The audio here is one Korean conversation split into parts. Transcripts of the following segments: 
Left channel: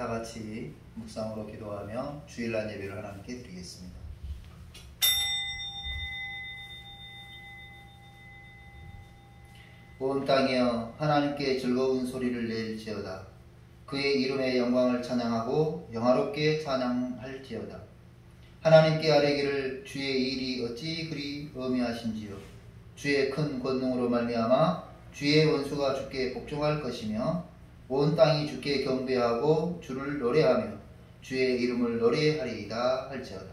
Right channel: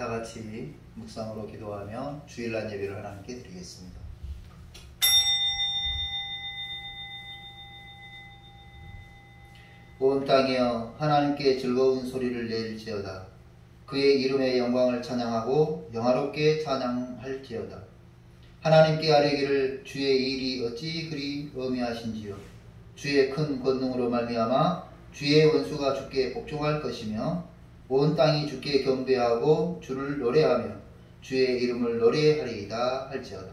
다 같이 묵상으로 기도하며 주일날 예배를 하나님께 드리겠습니다. 온 땅이여 하나님께 즐거운 소리를 낼지어다. 그의 이름의 영광을 찬양하고 영화롭게 찬양할지어다. 하나님께 아뢰기를 주의 일이 어찌 그리 어미하신지요. 주의 큰 권능으로 말미암아 주의 원수가 주께 복종할 것이며 온 땅이 주께 경배하고 주를 노래하며 주의 이름을 노래하리이다 할지어다.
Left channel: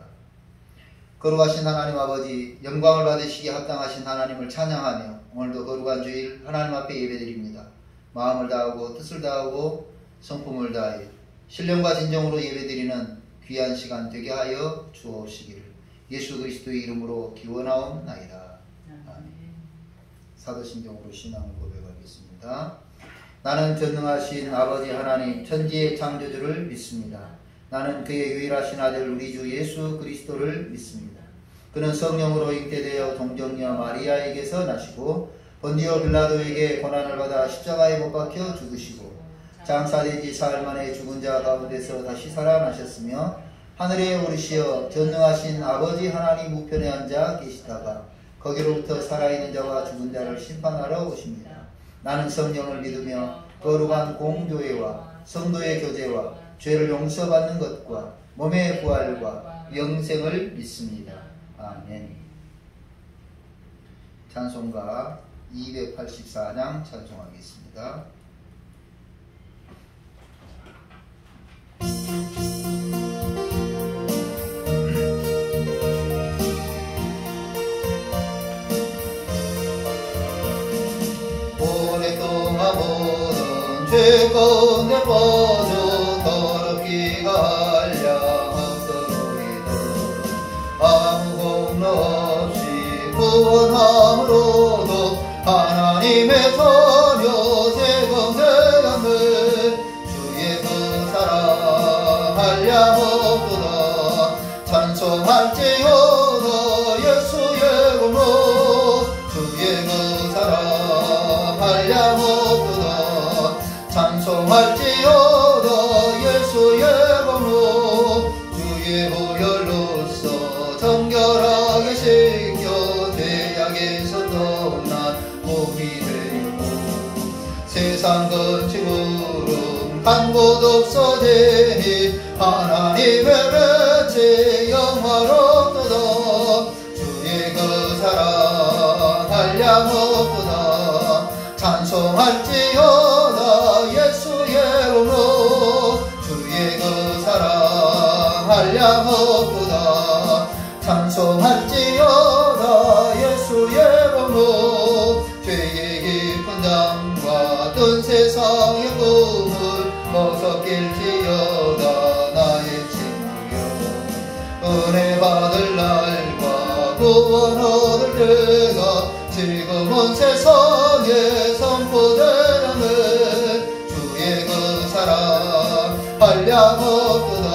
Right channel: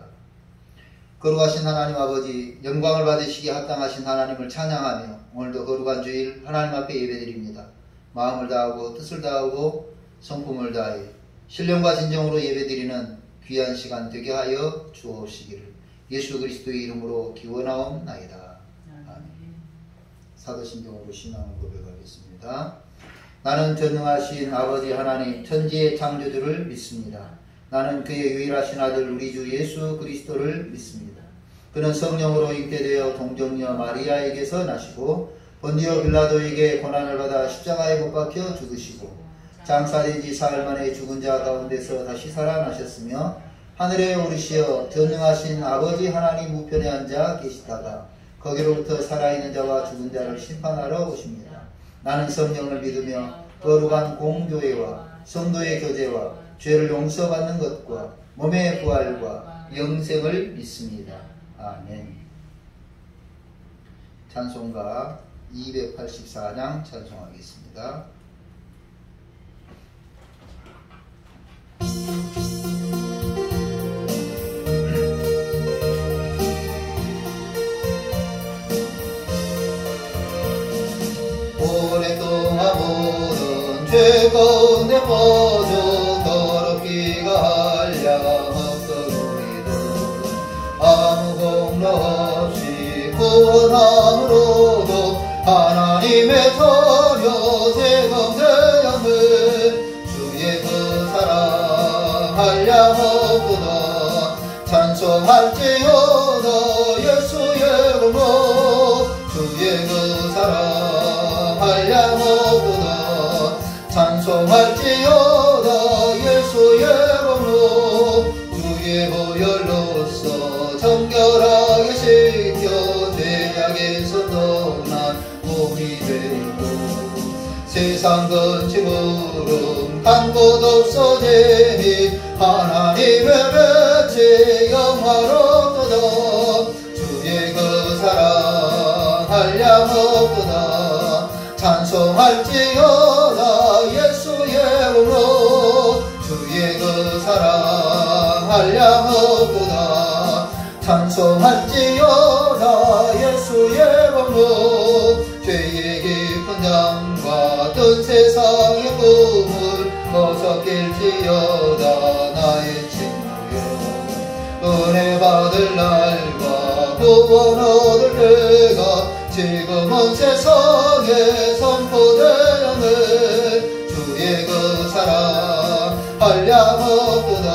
거룩하신 하나님 아버지, 영광을 받으시기에 합당하신 하나님을 찬양하며 오늘도 거룩한 주일 하나님 앞에 예배드립니다. 마음을 다하고 뜻을 다하고 성품을 다해 신령과 진정으로 예배드리는 귀한 시간 되게 하여 주옵시기를 예수 그리스도의 이름으로 기원하옵나이다. 아멘. 사도신경으로 신앙을 고백하겠습니다. 나는 전능하신 아버지 하나님 천지의 창조주를 믿습니다. 나는 그의 유일하신 아들 우리 주 예수 그리스도를 믿습니다. 그는 성령으로 잉태되어 동정녀 마리아에게서 나시고 본디오 빌라도에게 고난을 받아 십자가에 못 박혀 죽으시고 장사되지 사흘 만에 죽은 자 가운데서 다시 살아나셨으며 하늘에 오르시어 전능하신 아버지 하나님 우편에 앉아 계시다가 거기로부터 살아있는 자와 죽은 자를 심판하러 오십니다. 나는 성령을 믿으며 거룩한 공교회와 성도의 교제와 죄를 용서받는 것과 몸의 부활과 영생을 믿습니다. 아멘. 찬송가 284장 찬송하겠습니다. 오랫동안 모든 죄 가운데 빠져 더럽기가 한량없도록이도 아무 공로 없이 구원함으로도 하나님의 자녀 제공되었네. 주의 그 사랑 한량없도다. 찬송할지어다 예수의 공로. 주의 그 사랑 한량없도다. 찬송할지어다 예수의 공로. 주의 보혈로서 정결하게 씻겨 죄악에서 떠난 몸이 되고 세상 근심으로 한 곳 없어지니 하나님의 빛이 영화롭도다. 주의 그 사랑 한량없도다. 찬송할지어다 예수의 공로. 주의 그 사랑 한량없도다. 찬송할지어다 예수의 공로. 죄의 깊은 담과 뜬 세상의 꿈을 벗어낄지어다 나의 친구여. 은혜 받을 날과 구원 얻을 때가 지금은 세상에 선포되었네. 주의 그 사랑 한량없도다.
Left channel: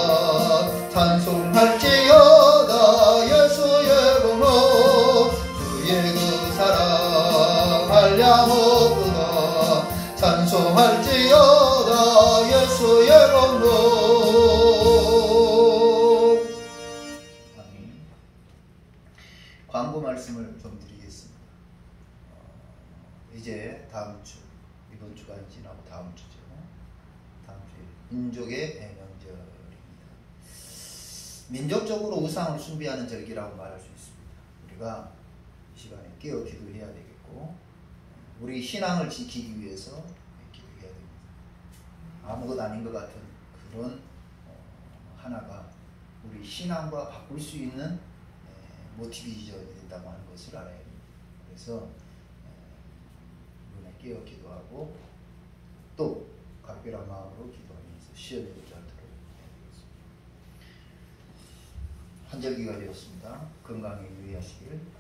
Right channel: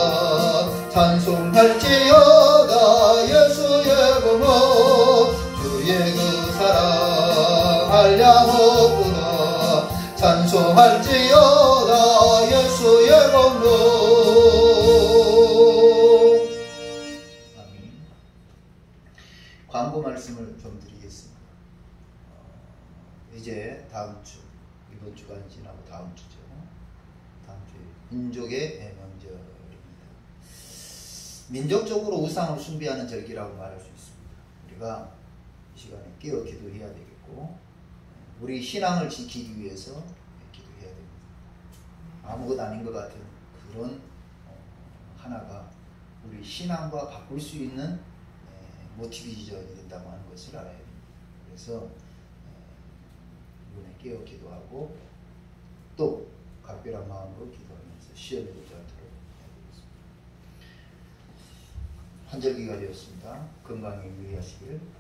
찬송할지어다 예수의 공로. 주의 그 사랑 한량없도다. 찬송할지어다 예수의 공로. 아멘. 광고 말씀을 좀 드리겠습니다. 이제 다음 주, 이번 주가 지나고 다음 주죠. 다음 주에 민족의 명절입니다. 민족적으로 우상을 숭배하는 절기라고 말할 수 있습니다. 우리가 이 시간에 깨어 기도해야 되겠고, 우리 신앙을 지키기 위해서 기도해야 됩니다. 아무것 아닌 것 같은 그런 하나가 우리 신앙과 바꿀 수 있는 모티베이션이 된다고 하는 것을 알아야 됩니다. 그래서 이번에 깨어 기도하고 또 각별한 마음으로 기도하면서 시험해보지 않도록 해야겠습니다. 한절기가 되었습니다. 건강에 유의하시길 바랍니다.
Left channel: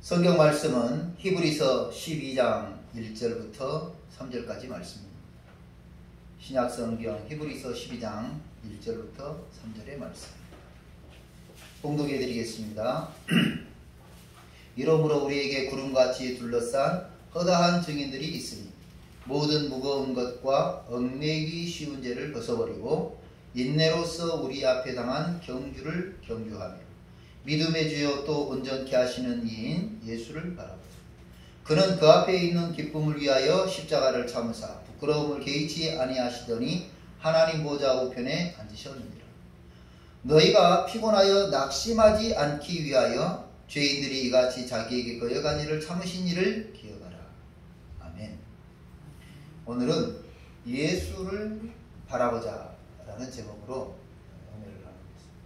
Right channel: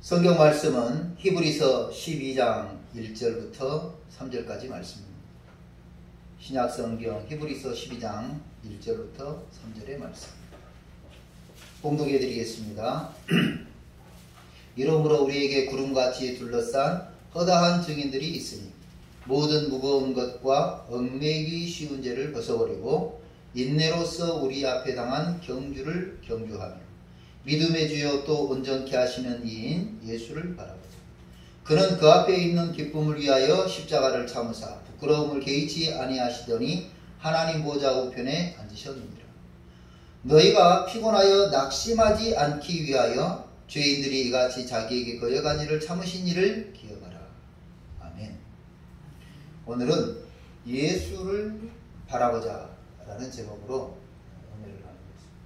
성경 말씀은 히브리서 12장 1절부터 3절까지 말씀입니다. 신약 성경 히브리서 12장 1절부터 3절의 말씀 봉독해 드리겠습니다. 이러므로 우리에게 구름같이 둘러싼 허다한 증인들이 있으니 모든 무거운 것과 얽매이기 쉬운 죄를 벗어버리고 인내로서 우리 앞에 당한 경주를 경주하며 믿음의 주여 또 온전케 하시는 이인 예수를 바라보자. 그는 그 앞에 있는 기쁨을 위하여 십자가를 참으사 부끄러움을 개의치 아니하시더니 하나님 보좌 우편에 앉으셨느니라. 너희가 피곤하여 낙심하지 않기 위하여 죄인들이 이같이 자기에게 거역한 일을 참으신 일을 기억하라. 아멘. 오늘은 예수를 바라보자 라는 제목으로 은혜를 나누겠습니다.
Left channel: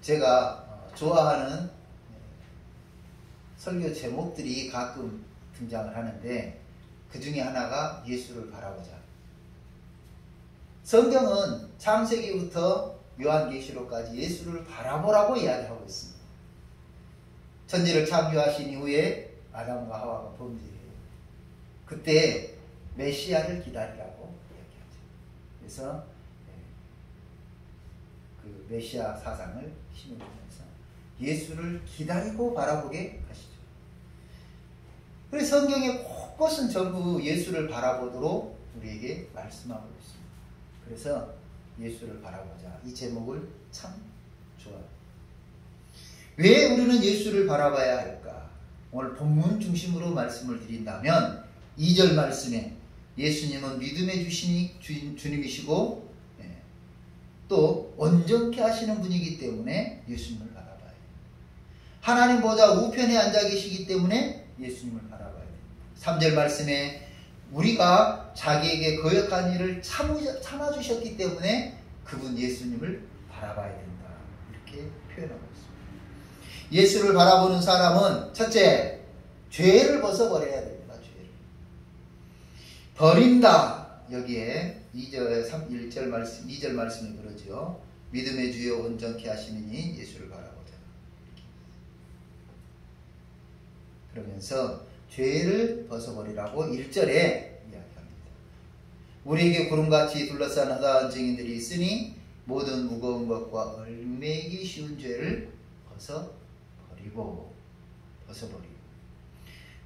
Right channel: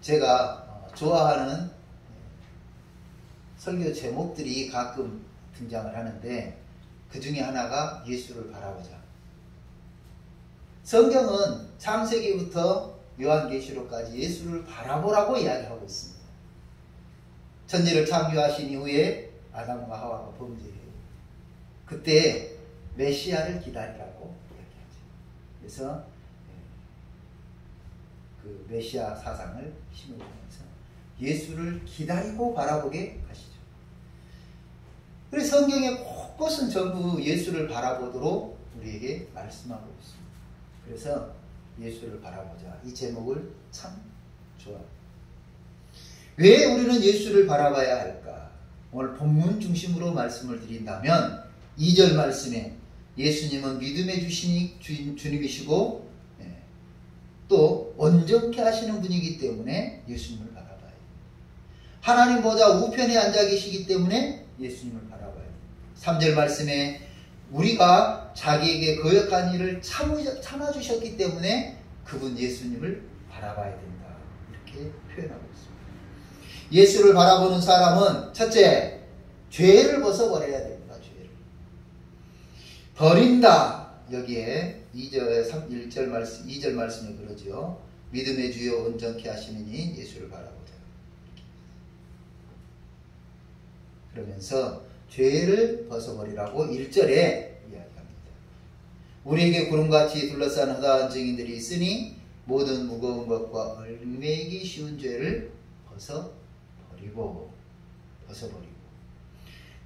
제가 좋아하는 설교 제목들이 가끔 등장을 하는데 그 중에 하나가 예수를 바라보자. 성경은 창세기부터 요한계시록까지 예수를 바라보라고 이야기하고 있습니다. 천지를 창조하신 이후에 아담과 하와가 범죄해요. 그때 메시아를 기다리라고 이야기하죠. 그래서 그 메시아 사상을 심어주면서 예수를 기다리고 바라보게 하시죠. 그래서 성경의 곳곳은 전부 예수를 바라보도록 우리에게 말씀하고 있습니다. 그래서 예수를 바라보자. 이 제목을 참 좋아합니다. 왜 우리는 예수를 바라봐야 할까? 오늘 본문 중심으로 말씀을 드린다면 2절 말씀에 예수님은 믿음의 주님이시고 또 온전케 하시는 분이기 때문에 예수님을 바라봐야 해요. 하나님 보좌 우편에 앉아 계시기 때문에 예수님을 바라봐야 돼요. 3절 말씀에 우리가 자기에게 거역한 일을 참아주셨기 때문에 그분 예수님을 바라봐야 된다. 이렇게 표현하고 있습니다. 예수를 바라보는 사람은 첫째, 죄를 벗어버려야 됩니다. 죄를. 버린다. 여기에 2절 말씀이 그러죠. 믿음의 주여 온전케 하시는 이인 예수를 바라보자. 그러면서 죄를 벗어버리라고 1절에 이야기합니다. 우리에게 구름같이 둘러싼 허다한 증인들이 있으니 모든 무거운 것과 얽매이기 쉬운 죄를 벗어버리고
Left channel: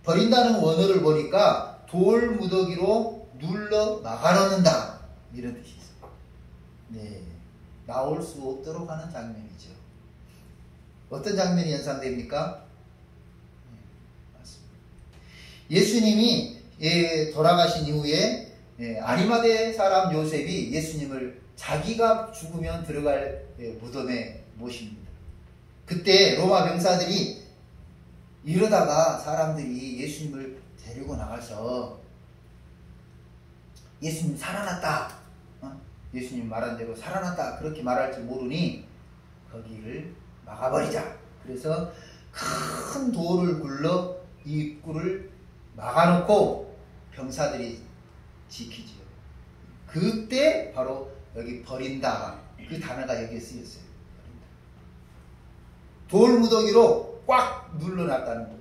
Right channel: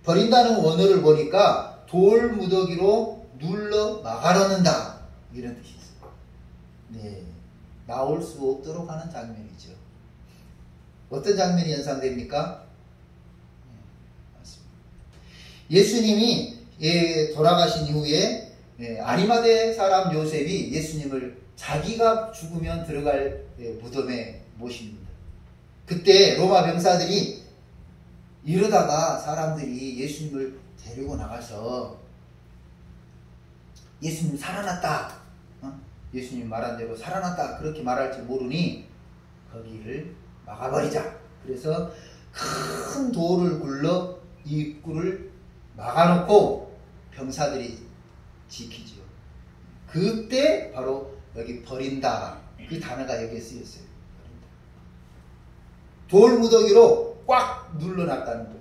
버린다는 원어를 보니까 돌 무더기로 눌러 막아놓는다 이런 뜻이 있어요. 네, 나올 수 없도록 하는 장면이죠. 어떤 장면이 연상됩니까? 예수님이 돌아가신 이후에 아리마대 사람 요셉이 예수님을 자기가 죽으면 들어갈 무덤에 모십니다. 그때 로마 병사들이 이러다가 사람들이 예수님을 데리고 나가서 예수님 살아났다, 예수님 말한 대로 살아났다 그렇게 말할지 모르니 거기를 막아버리자. 그래서 큰 돌을 굴러 입구를 막아놓고 병사들이 지키지요. 그때 바로 여기 버린다 그 단어가 여기에 쓰였어요. 버린다. 돌 무더기로 꽉 눌러놨다는 거예요.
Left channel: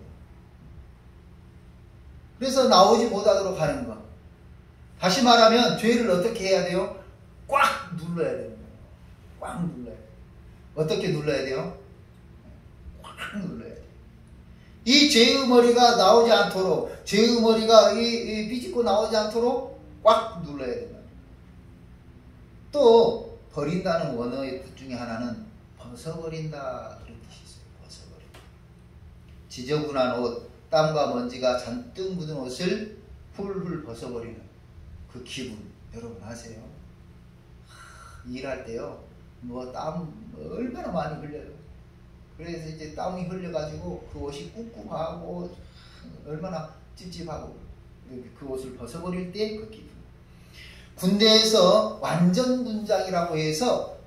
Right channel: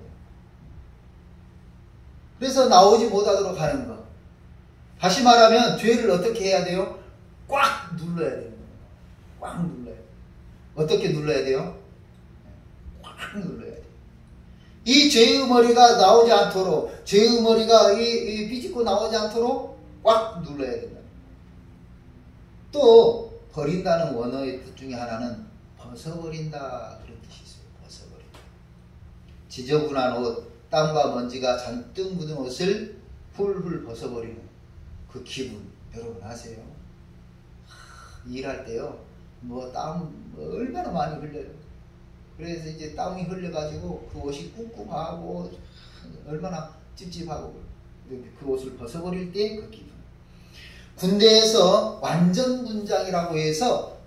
그래서 나오지 못하도록 하는 거. 다시 말하면 죄를 어떻게 해야 돼요? 꽉 눌러야 되는 거예요. 꽉 눌러야 돼요. 어떻게 눌러야 돼요? 꽉 눌러야 돼요. 이 죄의 머리가 나오지 않도록, 죄의 머리가 비집고 나오지 않도록 꽉 눌러야 된다. 또 버린다는 원어의 뜻 중에 하나는 벗어버린다 그런 뜻이 있어요. 벗어버린다. 지저분한 옷, 땀과 먼지가 잔뜩 묻은 옷을 훌훌 벗어버리는 그 기분 여러분 아세요? 일할 때요, 땀 얼마나 많이 흘려요. 그래서 이제 땀이 흘려가지고 그 옷이 꿉꿉하고 얼마나 찝찝하고 그 옷을 벗어버릴 때 그 기분. 군대에서 완전 군장이라고 해서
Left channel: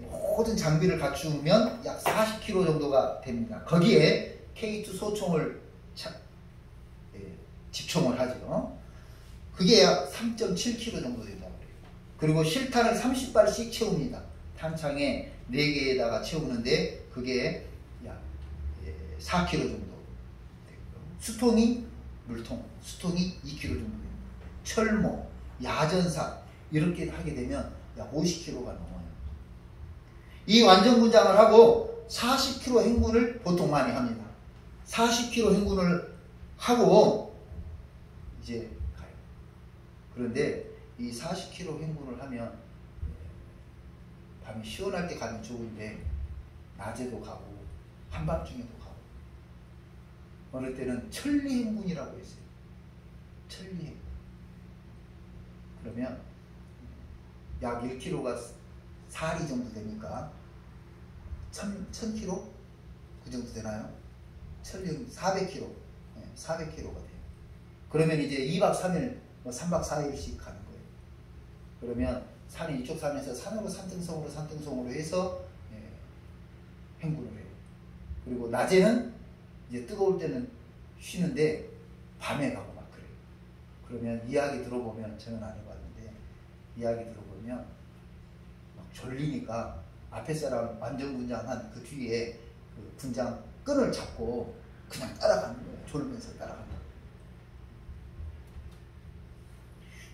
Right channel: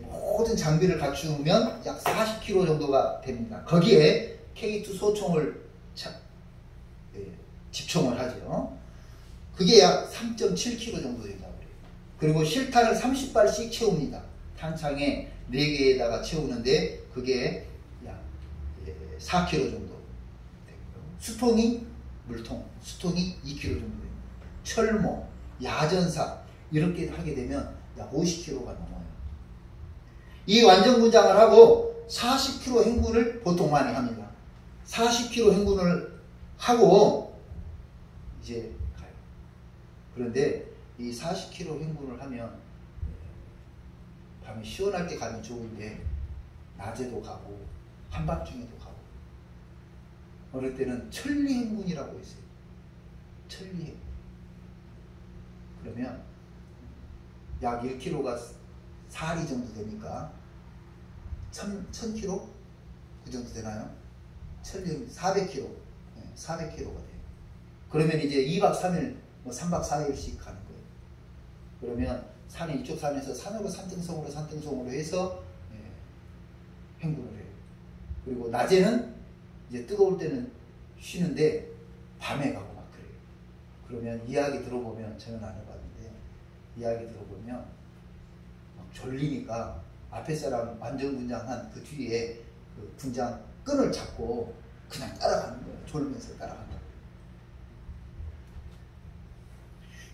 모든 장비를 갖추면 약 40kg 정도가 됩니다. 거기에 K2 소총을 집총을 하죠. 그게 약 3.7kg 정도 된다고 그래요. 그리고 실탄을 30발씩 채웁니다. 탄창에 4개에다가 채우는데 그게 약 4kg 정도 되고요. 수통이 물통, 수통이 2kg 정도 됩니다. 철모, 야전사 이렇게 하게 되면 약 50kg가 넘어요. 이 완전군장을 하고 40km 행군을 보통 많이 합니다. 40km 행군을 하고 이제 가요. 그런데 이 40km 행군을 하면 밤에 시원할 때 가면 좋은데 낮에도 가고 한밤중에도 가고 어느 때는 천리 행군이라고 있어요. 천리 행군. 그러면 약 1km가 4리 정도 되니까 1000km? 그 정도 되나요? 400km. 네, 400km가 돼요. 그러면 이제 2박 3일, 3박 4일씩 가는 거예요. 그러면 산이 이쪽 산에서 산으로 산등성으로 해서 행군을 해요. 그리고 낮에는 이제 뜨거울 때는 쉬는데 밤에 가고 막 그래요. 그러면 이야기 들어보면, 저는 안 해봤는데 이야기 들어보면 막 졸리니까 앞에 사람 완전군장한 그 뒤에 그 군장 끈을 잡고 그냥 따라가는 거예요. 졸면서 따라간다.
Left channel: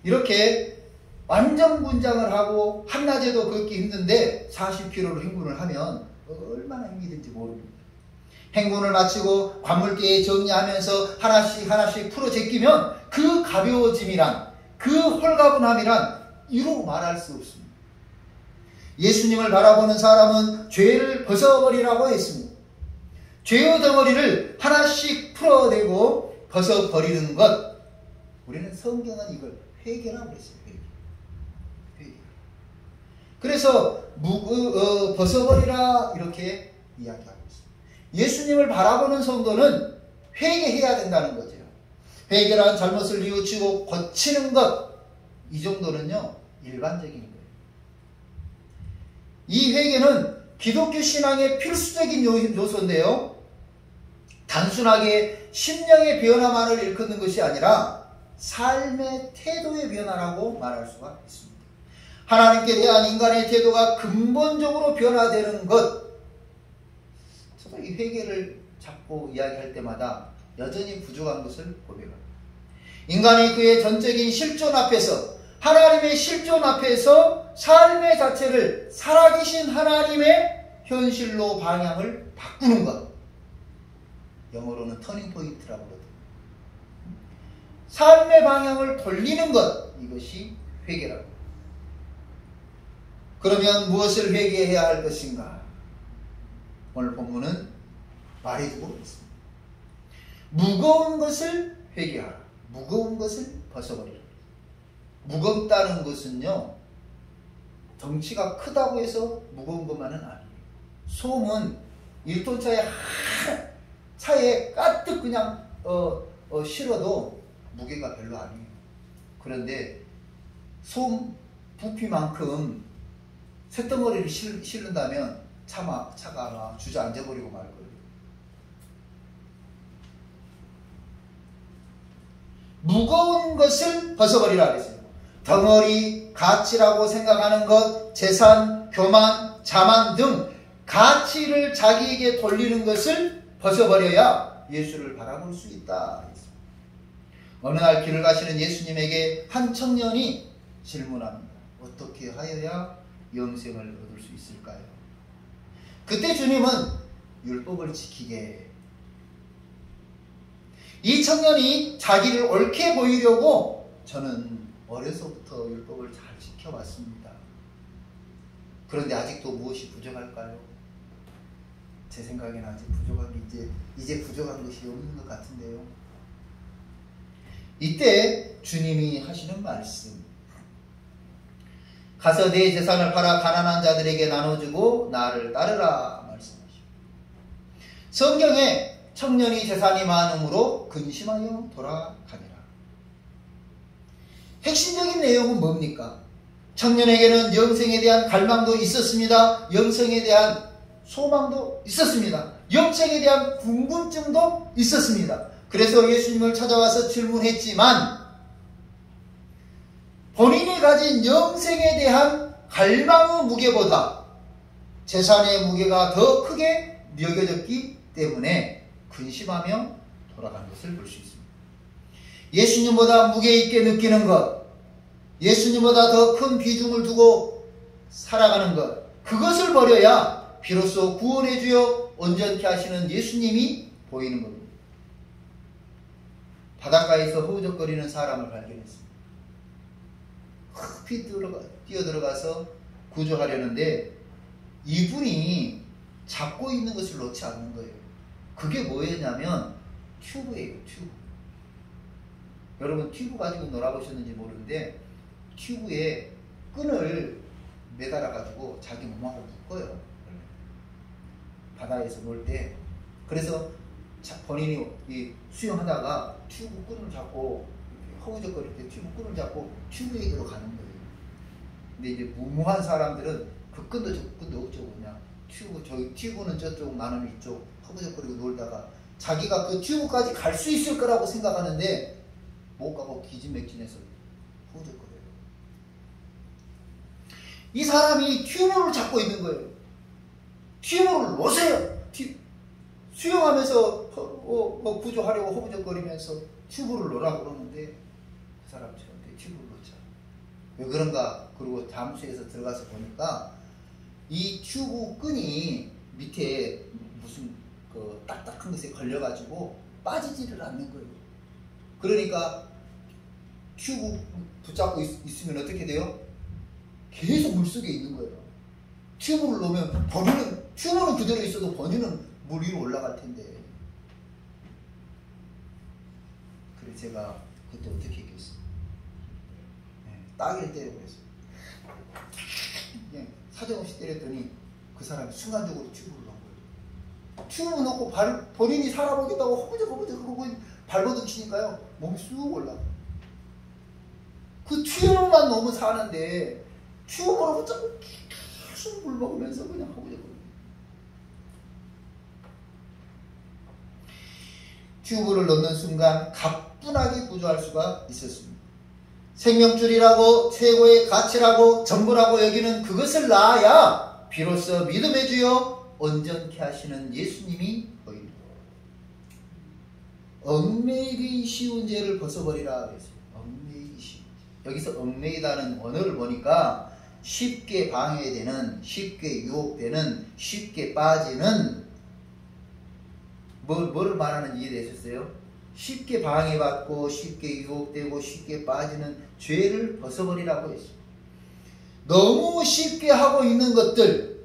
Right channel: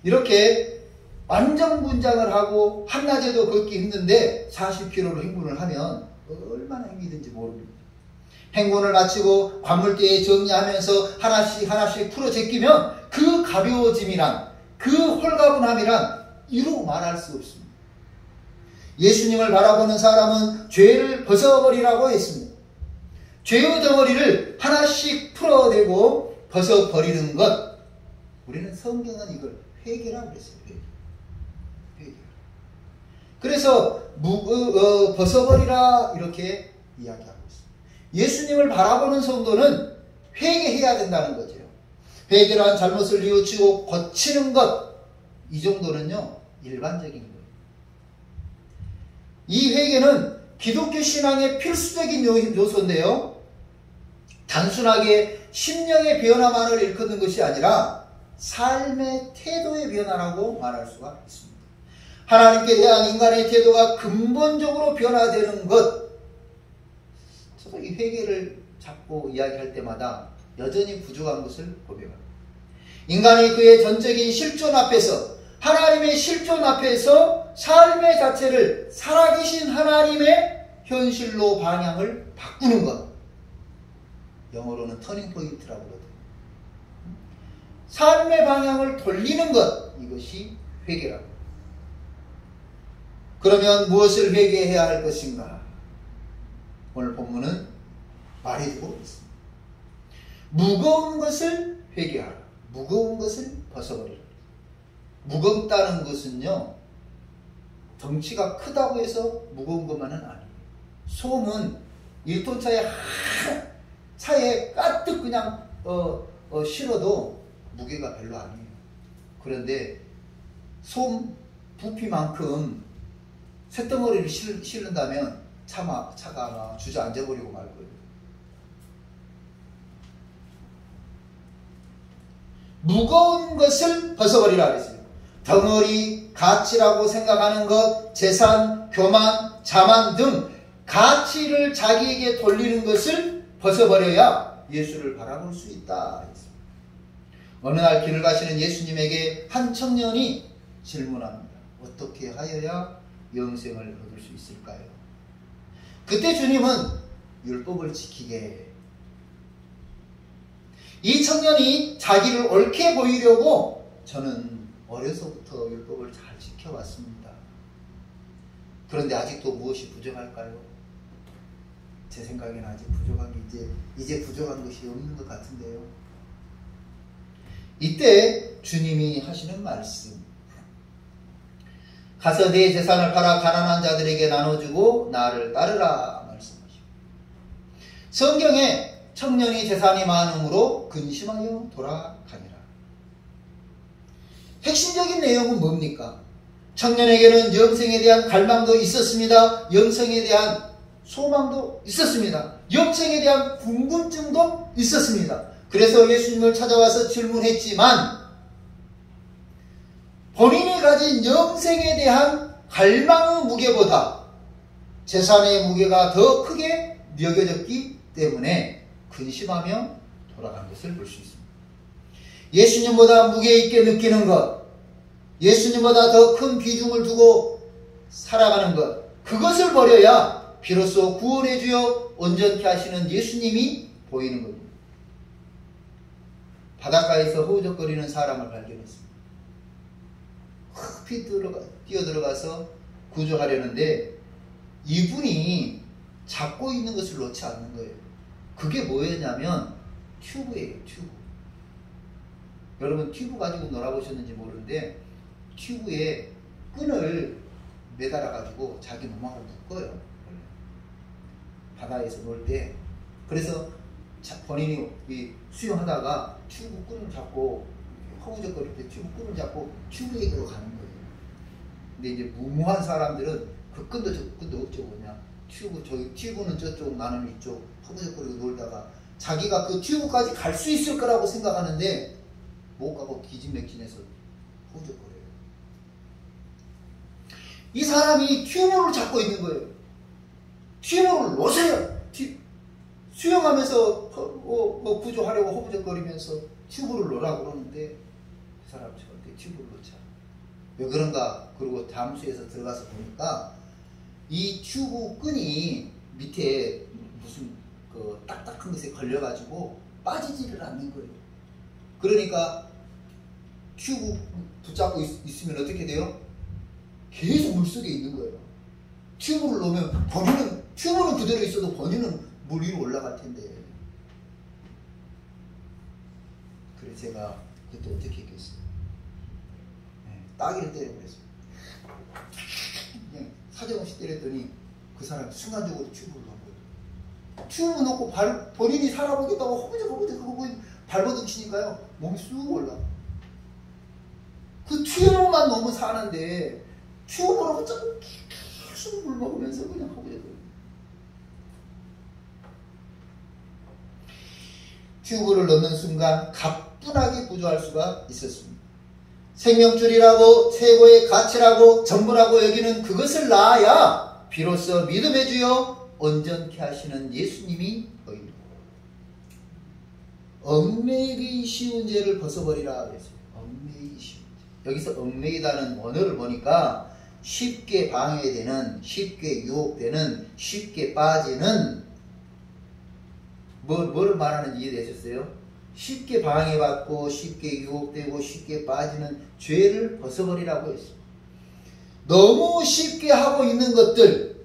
이렇게 완전군장을 하고 한낮에도 걷기 힘든데 40km를 행군을 하면 얼마나 힘이든지 모릅니다. 행군을 마치고 관물대에 정리하면서 하나씩 풀어 제끼면 그 가벼워짐이란, 그 홀가분함이란 이루 말할 수 없습니다. 예수님을 바라보는 사람은 죄를 벗어버리라고 했습니다. 죄의 덩어리를 하나씩 풀어내고 벗어버리는 것. 우리는 성경은 이걸 회개라고 그랬어요. 회개. 그래서 벗어버리라 이렇게 이야기하고 있습니다. 예수님을 바라보는 성도는 회개해야 된다는 거죠. 회개란 잘못을 뉘우치고 고치는 것. 이 정도는요, 일반적인 거예요. 이 회개는 기독교 신앙의 필수적인 요소인데요, 단순하게 심령의 변화만을 일컫는 것이 아니라 삶의 태도의 변화라고 말할 수가 있습니다. 하나님께 대한 인간의 태도가 근본적으로 변화되는 것. 저도 이 회개를 잡고 이야기할 때마다 여전히 부족한 것을 고백합니다. 인간의 그의 전적인 실존 앞에서, 하나님의 실존 앞에서 삶의 자체를 살아계신 하나님의 현실로 방향을 바꾸는 것. 영어로는 터닝 포인트라고 그러거든요. 삶의 방향을 돌리는 것. 이것이 회개라고. 그러면 무엇을 회개해야 할 것인가? 오늘 본문은 말해주고 있습니다. 무거운 것을 회개하라. 무거운 것을 벗어버리라. 무겁다는 것은요, 덩치가 크다고 해서 무거운 것만은 아니에요. 솜은 1톤 차에 가득 그냥 실어도 무게가 별로 아니에요. 그런데 솜 부피만큼 쇳덩어리를 실른다면 차가 막 주저앉아버리고 말 거예요. 무거운 것을 벗어버리라 그랬어요. 덩어리, 가치라고 생각하는 것, 재산, 교만, 자만 등 가치를 자기에게 돌리는 것을 벗어버려야 예수를 바라볼 수 있다. 어느 날 길을 가시는 예수님에게 한 청년이 질문합니다. 어떻게 하여야 영생을 얻을 수 있을까요? 그때 주님은 율법을 지키게. 이 청년이 자기를 옳게 보이려고 저는 어려서부터 율법을 잘 지켜왔습니다. 그런데 아직도 무엇이 부족할까요? 제 생각에는 아직 부족한 게 이제 부족한 것이 없는 것 같은데요. 이때 주님이 하시는 말씀. 가서 내 재산을 팔아 가난한 자들에게 나눠주고 나를 따르라 말씀하시고. 성경에 청년이 재산이 많음으로 근심하여 돌아가니라. 핵심적인 내용은 뭡니까? 청년에게는 영생에 대한 갈망도 있었습니다. 영생에 대한 소망도 있었습니다. 영생에 대한 궁금증도 있었습니다. 그래서 예수님을 찾아와서 질문했지만 본인이 가진 영생에 대한 갈망의 무게보다 재산의 무게가 더 크게 여겨졌기 때문에 근심하며 돌아간 것을 볼 수 있습니다. 예수님보다 무게 있게 느끼는 것, 예수님보다 더 큰 비중을 두고 살아가는 것, 그것을 버려야 비로소 구원해 주어 온전케 하시는 예수님이 보이는 겁니다. 바닷가에서 허우적거리는 사람을 발견했습니다. 급히 뛰어들어가서 구조하려는데 이분이 잡고 있는 것을 놓지 않는 거예요. 그게 뭐였냐면 튜브예요. 튜브. 여러분 튜브 가지고 놀아보셨는지 모르는데 튜브에 끈을 매달아 가지고 자기 몸하고 묶어요. 바다에서 놀 때. 그래서 본인이 수영하다가 튜브 끈을 잡고 허우적거릴 때 튜브 끈을 잡고 튜브에게로 가는 거예요. 근데 이제 무모한 사람들은 그 끈도 저 끈도 없죠. 그냥 튜브는 저쪽, 나는 이쪽 허우적거리고 놀다가 자기가 그 튜브까지 갈 수 있을 거라고 생각하는데 못 가고 기진맥진해서 허우적거려요. 이 사람이 튜브를 잡고 있는 거예요. 튜브를 놓으세요. 수영하면서 구조하려고 허우적거리면서 튜브를 놓으라고 그러는데 그 사람 절대 튜브를 놓자. 왜 그런가? 그리고 잠수에서 들어가서 보니까 이 튜브 끈이 밑에 무슨 그 딱딱한 것에 걸려가지고 빠지지를 않는 거예요. 그러니까 튜브 붙잡고 있으면 어떻게 돼요? 계속 물속에 있는 거예요. 튜브를 놓으면 튜브는 그대로 있어도 본인은 물 위로 올라갈 텐데. 그래서 제가 그때 어떻게 했겠어요? 따귀를 때려버렸어요. 그냥 사정없이 때렸더니 그 사람이 순간적으로 튜브를 놓은 거예요. 튜브 놓고 본인이 살아보겠다고 허벅적 하고 발버둥 치니까요. 몸이 쑥 올라가. 그 튜브만 놓으면 사는데 튜브로 붙잡고 계속 물 먹으면서 그냥 허벅적. 튜브를 넣는 순간 가뿐하게 구조할 수가 있었습니다. 생명줄이라고 최고의 가치라고 전부라고 여기는 그것을 낳아야 비로소 믿음의 주여 온전케 하시는 예수님이 보입니다. 얽매이기 쉬운 죄를 벗어버리라 그랬어요. 얽매이기 쉬운 죄. 여기서 얽매이다는 언어를 보니까 쉽게 방해되는, 쉽게 유혹되는, 쉽게 빠지는 뭐를 말하는지 이해되셨어요? 쉽게 방해받고 쉽게 유혹되고 쉽게 빠지는 죄를 벗어버리라고 했습니다. 너무 쉽게 하고 있는 것들,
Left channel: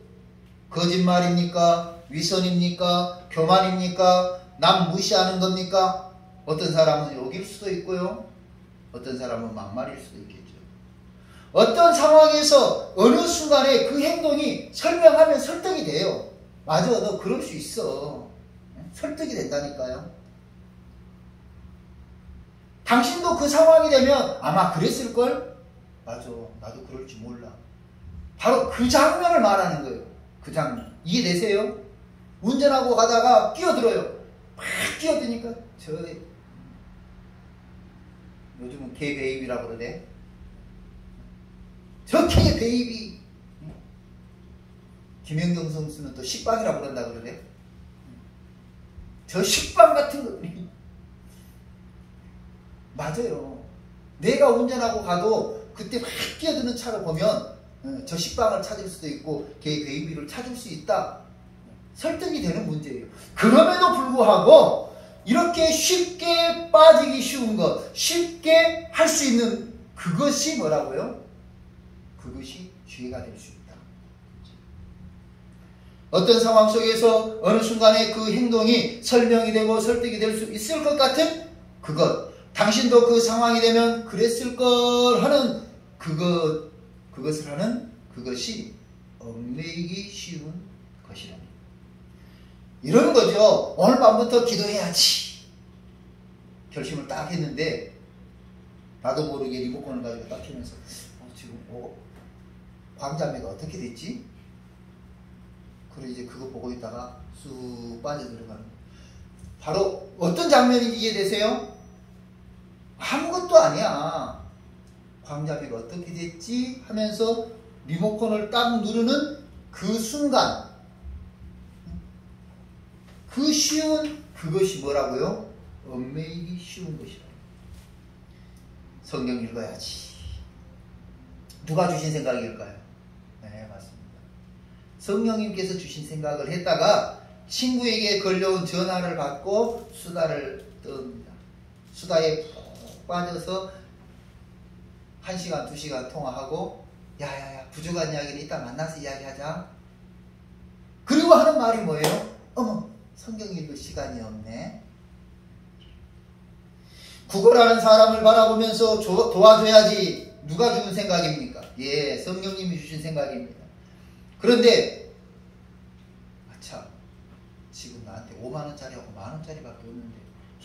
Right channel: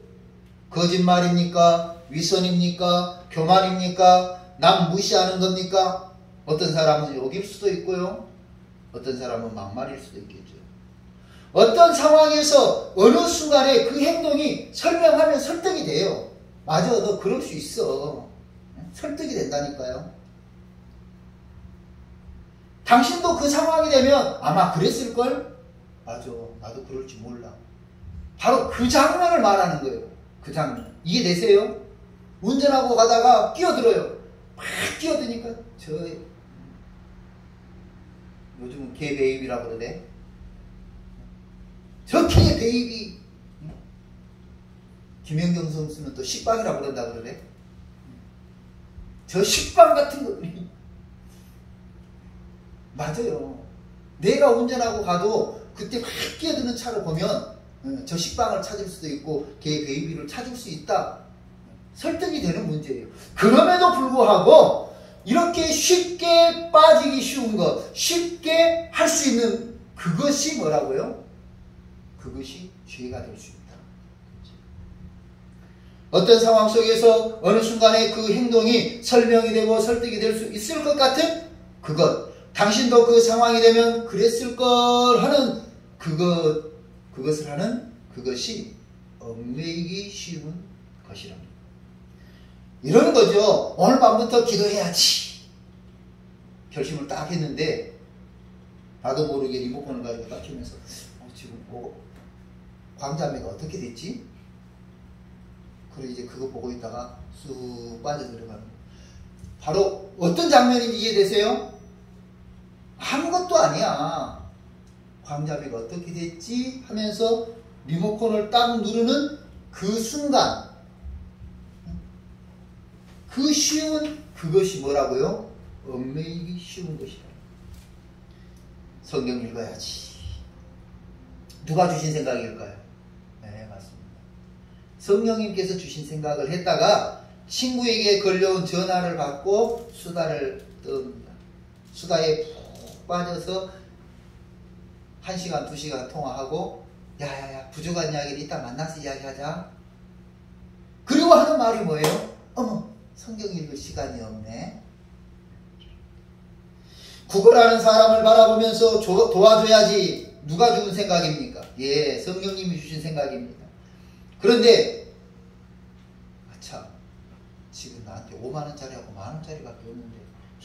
거짓말입니까? 위선입니까? 교만입니까? 남 무시하는 겁니까? 어떤 사람은 욕일 수도 있고요. 어떤 사람은 막말일 수도 있겠죠. 어떤 상황에서 어느 순간에 그 행동이 설명하면 설득이 돼요. 맞아, 너 그럴 수 있어. 설득이 된다니까요. 당신도 그 상황이 되면 아마 그랬을걸? 맞아, 나도 그럴 줄 몰라. 바로 그 장면을 말하는 거예요. 그 장면. 이해되세요? 운전하고 가다가 끼어들어요. 막 끼어드니까 요즘은 개 베이비라고 그러네. 저 개 베이비. 김연경 선수는 또 식빵이라고 그런다 그러네. 저 식빵 같은 것들이 맞아요. 내가 운전하고 가도 그때 확 끼어드는 차를 보면 저 식빵을 찾을 수도 있고 개 베이비를 찾을 수 있다. 설득이 되는 문제예요. 그럼에도 불구하고 이렇게 쉽게 빠지기 쉬운 것, 쉽게 할 수 있는 그것이 뭐라고요? 그것이 죄가 될 수 있다. 어떤 상황 속에서 어느 순간에 그 행동이 설명이 되고 설득이 될 수 있을 것 같은 그것, 당신도 그 상황이 되면 그랬을 걸 하는 그것을 하는 그것이 얽매이기 쉬운 것이랍니다. 이런 거죠. 오늘 밤부터 기도해야지 결심을 딱 했는데 나도 모르게 리모컨을 가지고 딱 키면서 지금 광자매가 어떻게 됐지? 그래 이제 그거 보고 있다가 쑥 빠져들어가는. 바로 어떤 장면인지 이해되세요? 아무것도 아니야. 광자매가 어떻게 됐지? 하면서 리모컨을 딱 누르는 그 순간, 그 쉬운 그것이 뭐라고요? 얽매이기 쉬운 것이다. 성경 읽어야지. 누가 주신 생각일까요? 네, 맞습니다. 성령님께서 주신 생각을 했다가 친구에게 걸려온 전화를 받고 수다를 떱니다. 수다에 푹 빠져서 1시간, 2시간 통화하고 야야야 부족한 이야기를 이따 만나서 이야기하자. 그리고 하는 말이 뭐예요? 어머 성경 읽을 시간이 없네. 구걸하는 사람을 바라보면서 도와줘야지. 누가 주는 생각입니까? 예, 성령님이 주신 생각입니다. 그런데 아차 지금 나한테 5만원짜리하고 만원짜리밖에 없는데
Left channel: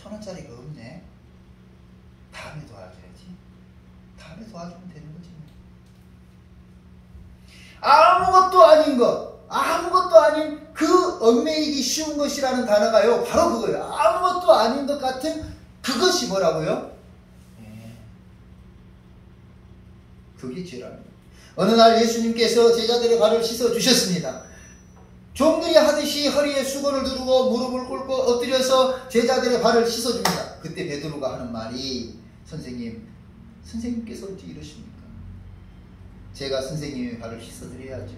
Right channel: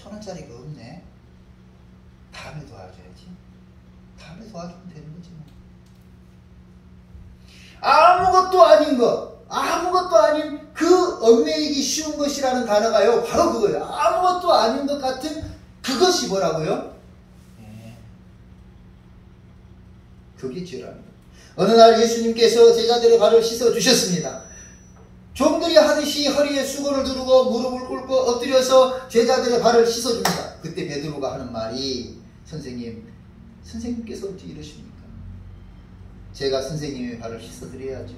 1,000원짜리가 없네. 다음에 도와줘야지. 다음에 도와주면 되는 거지. 아무것도 아닌 것, 아무것도 아닌 그 얽매이기 쉬운 것이라는 단어가요 바로 그거예요. 아무것도 아닌 것 같은 그것이 뭐라고요? 그게 죄랍니다. 어느 날 예수님께서 제자들의 발을 씻어 주셨습니다. 종들이 하듯이 허리에 수건을 두르고 무릎을 꿇고 엎드려서 제자들의 발을 씻어 줍니다. 그때 베드로가 하는 말이 선생님께서 어찌 이러십니까? 제가 선생님의 발을 씻어 드려야죠.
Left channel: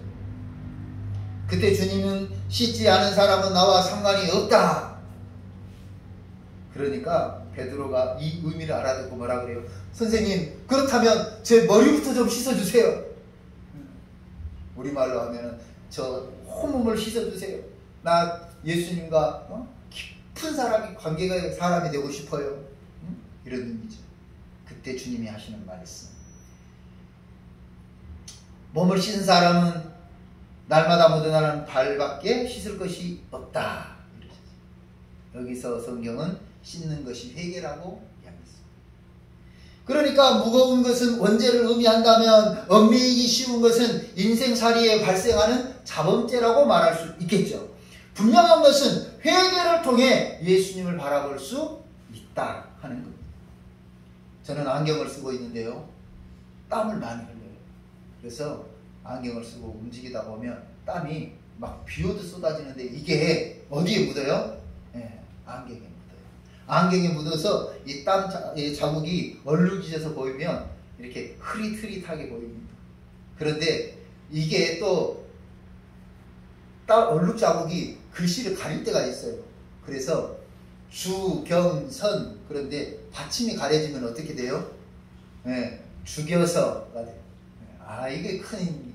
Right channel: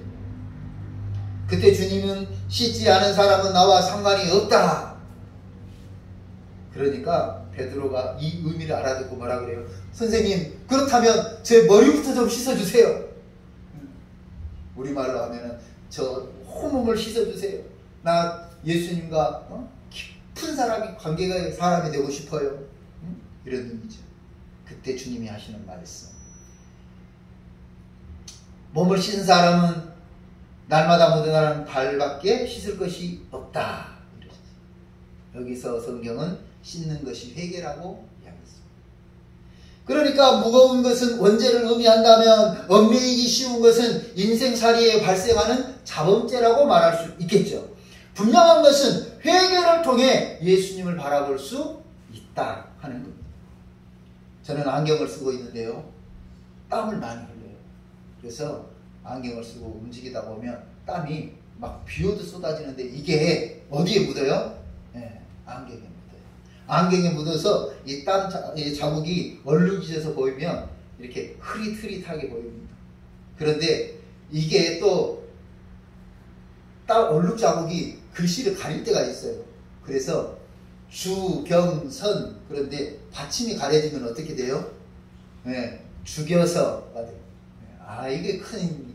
그때 주님은 씻지 않은 사람은 나와 상관이 없다. 그러니까 베드로가 이 의미를 알아듣고 뭐라 그래요? 선생님 그렇다면 제 머리부터 좀 씻어주세요. 우리말로 하면은 저 혼몸을 씻어주세요. 나 예수님과 깊은 관계가 사람이 되고 싶어요. 이런 의미죠. 그때 주님이 하시는 말씀. 몸을 씻은 사람은 날마다 묻어나는 발밖에 씻을 것이 없다. 여기서 성경은 씻는 것이 회개라고 이야기했습니다. 그러니까 무거운 것은 원죄를 의미한다면 얽매이기 쉬운 것은 인생살이에 발생하는 자범죄라고 말할 수 있겠죠. 분명한 것은 회개를 통해 예수님을 바라볼 수 있다 하는 겁니다. 저는 안경을 쓰고 있는데요. 땀을 많이 흘려요. 그래서 안경을 쓰고 움직이다 보면 땀이 막 비오듯 쏟아지는데 이게 어디에 묻어요? 네, 안경에 묻어요. 안경에 묻어서 이 땀 자국이 얼룩져서 보이면 이렇게 흐릿흐릿하게 보입니다. 그런데 이게 또 땀 얼룩 자국이 글씨를 가릴 때가 있어요. 그래서 주, 경, 선 그런데 받침이 가려지면 어떻게 돼요? 네, 죽여서가 돼요. 이게 큰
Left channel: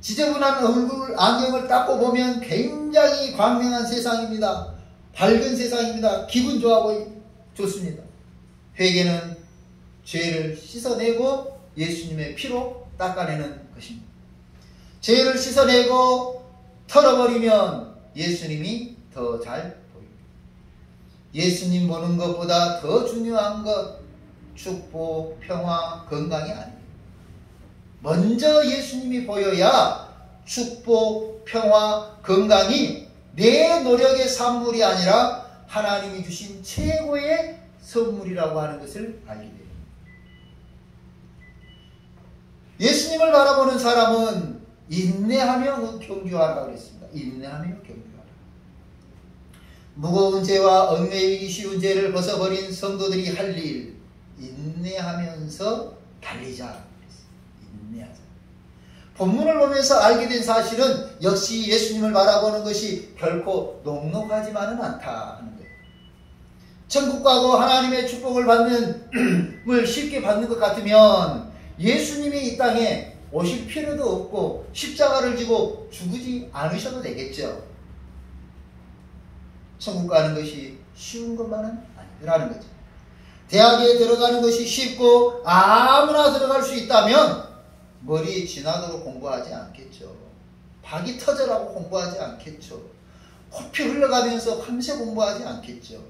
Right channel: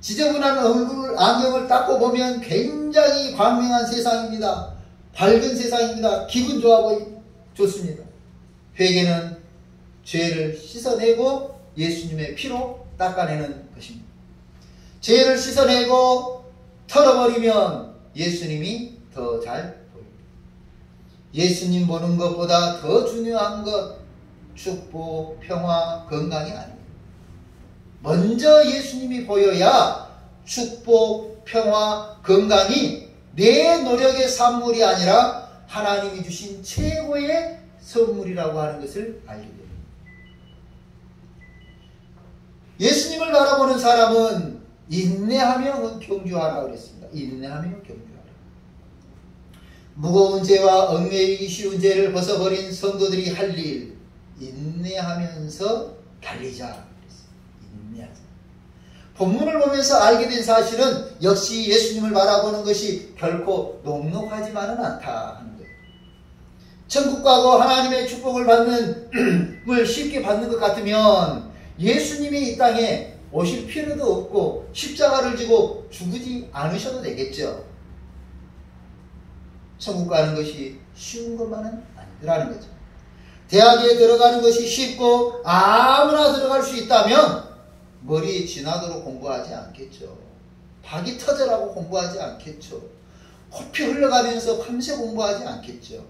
지저분한 얼굴 안경을 닦고 보면 굉장히 광명한 세상입니다. 밝은 세상입니다. 기분 좋아 좋습니다. 회개는 죄를 씻어내고 예수님의 피로 닦아내는 것입니다. 죄를 씻어내고 털어버리면 예수님이 더 잘 보입니다. 예수님 보는 것보다 더 중요한 것 축복, 평화, 건강이 아닙니다. 먼저 예수님이 보여야 축복, 평화, 건강이 내 노력의 산물이 아니라 하나님이 주신 최고의 선물이라고 하는 것을 알게 됩니다. 예수님을 바라보는 사람은 인내하며 경주하라 그랬습니다. 인내하며 경주하라. 무거운 죄와 얽매이기 쉬운 죄를 벗어버린 성도들이 할 일, 인내하면서 달리자. 인내하자. 본문을 보면서 알게 된 사실은 역시 예수님을 바라보는 것이 결코 녹록하지만은 않다 하는 거예요. 천국 가고 하나님의 축복을 을 쉽게 받는 것 같으면 예수님이 이 땅에 오실 필요도 없고 십자가를 지고 죽지 않으셔도 되겠죠. 천국 가는 것이 쉬운 것만은 아니라는 거죠. 대학에 들어가는 것이 쉽고 아무나 들어갈 수 있다면 머리 지나도록 공부하지 않겠죠. 박이 터져라고 공부하지 않겠죠. 코피 흘러가면서 밤새 공부하지 않겠죠.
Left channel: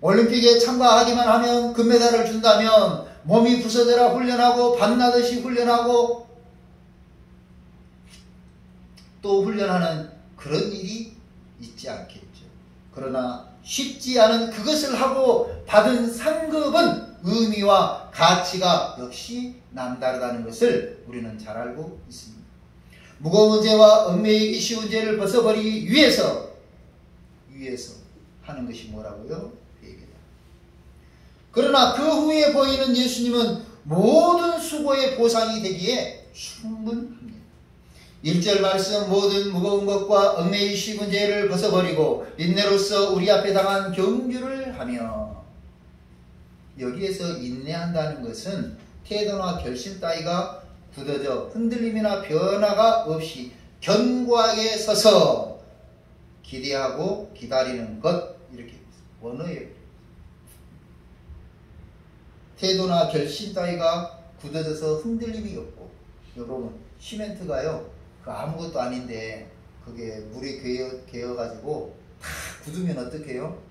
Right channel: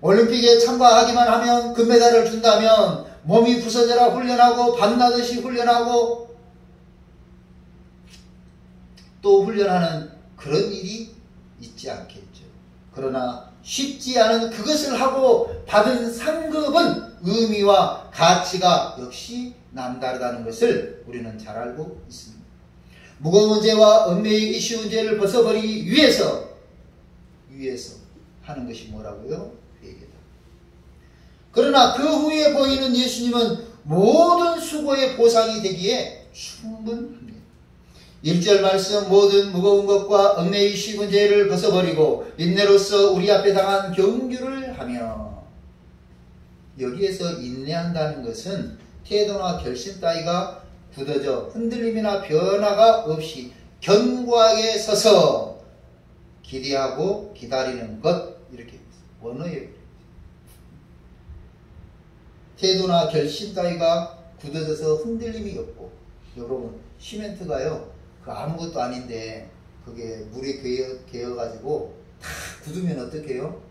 올림픽에 참가하기만 하면 금메달을 준다면 몸이 부서져라 훈련하고 밤나듯이 훈련하고 또 훈련하는 그런 일이 있지 않겠죠. 그러나 쉽지 않은 그것을 하고 받은 상급은 의미와 가치가 역시 남다르다는 것을 우리는 잘 알고 있습니다. 무거운 죄와 얽매이기 쉬운 죄를 벗어버리기 위해서 하는 것이 뭐라고요? 회개다. 그러나 그 후에 보이는 예수님은 모든 수고의 보상이 되기에 충분합니다. 1절 말씀 모든 무거운 것과 얽매이기 쉬운 죄를 벗어버리고 인내로서 우리 앞에 당한 경주를 하며 여기에서 인내한다는 것은 태도나 결심 따위가 굳어져 흔들림이나 변화가 없이 견고하게 서서 기대하고 기다리는 것, 이렇게 원어예요. 태도나 결심 따위가 굳어져서 흔들림이 없고, 여러분 시멘트가요 그 아무것도 아닌데 그게 물이 개어가지고 다 굳으면 어떻게 해요?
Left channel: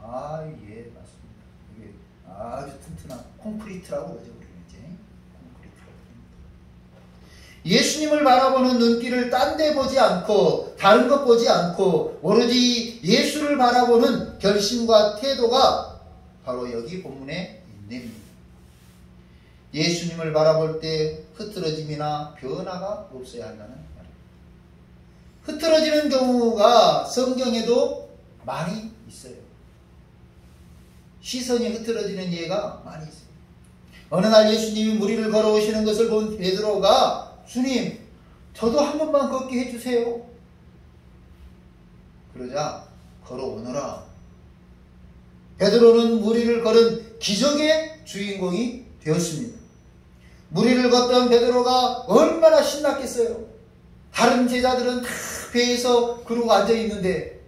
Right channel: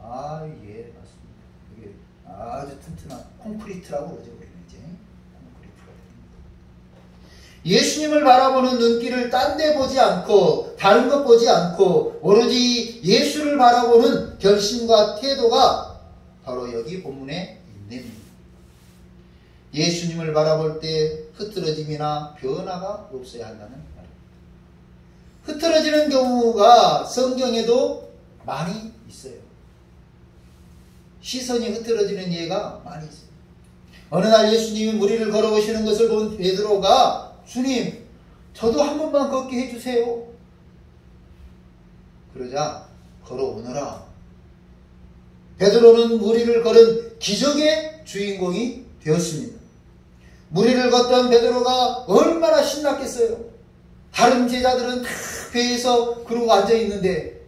아, 예, 맞습니다. 이게 아주 튼튼한 콘크리트라고 그러죠, 우리는 이제. 콘크리트라고. 예수님을 바라보는 눈길을 딴 데 보지 않고, 다른 것 보지 않고, 오로지 예수를 바라보는 결심과 태도가 바로 여기 본문의 인내입니다. 예수님을 바라볼 때 흐트러짐이나 변화가 없어야 한다는 말입니다. 흐트러지는 경우가 성경에도 많이 있어요. 시선이 흐트러지는 예가 많이 있어요. 어느 날 예수님이 무리를 걸어오시는 것을 본 베드로가 주님, 저도 한 번만 걷게 해주세요. 그러자 걸어오너라. 베드로는 무리를 걸은 기적의 주인공이 되었습니다. 무리를 걷던 베드로가 얼마나 신났겠어요. 다른 제자들은 다 배에서 그러고 앉아있는데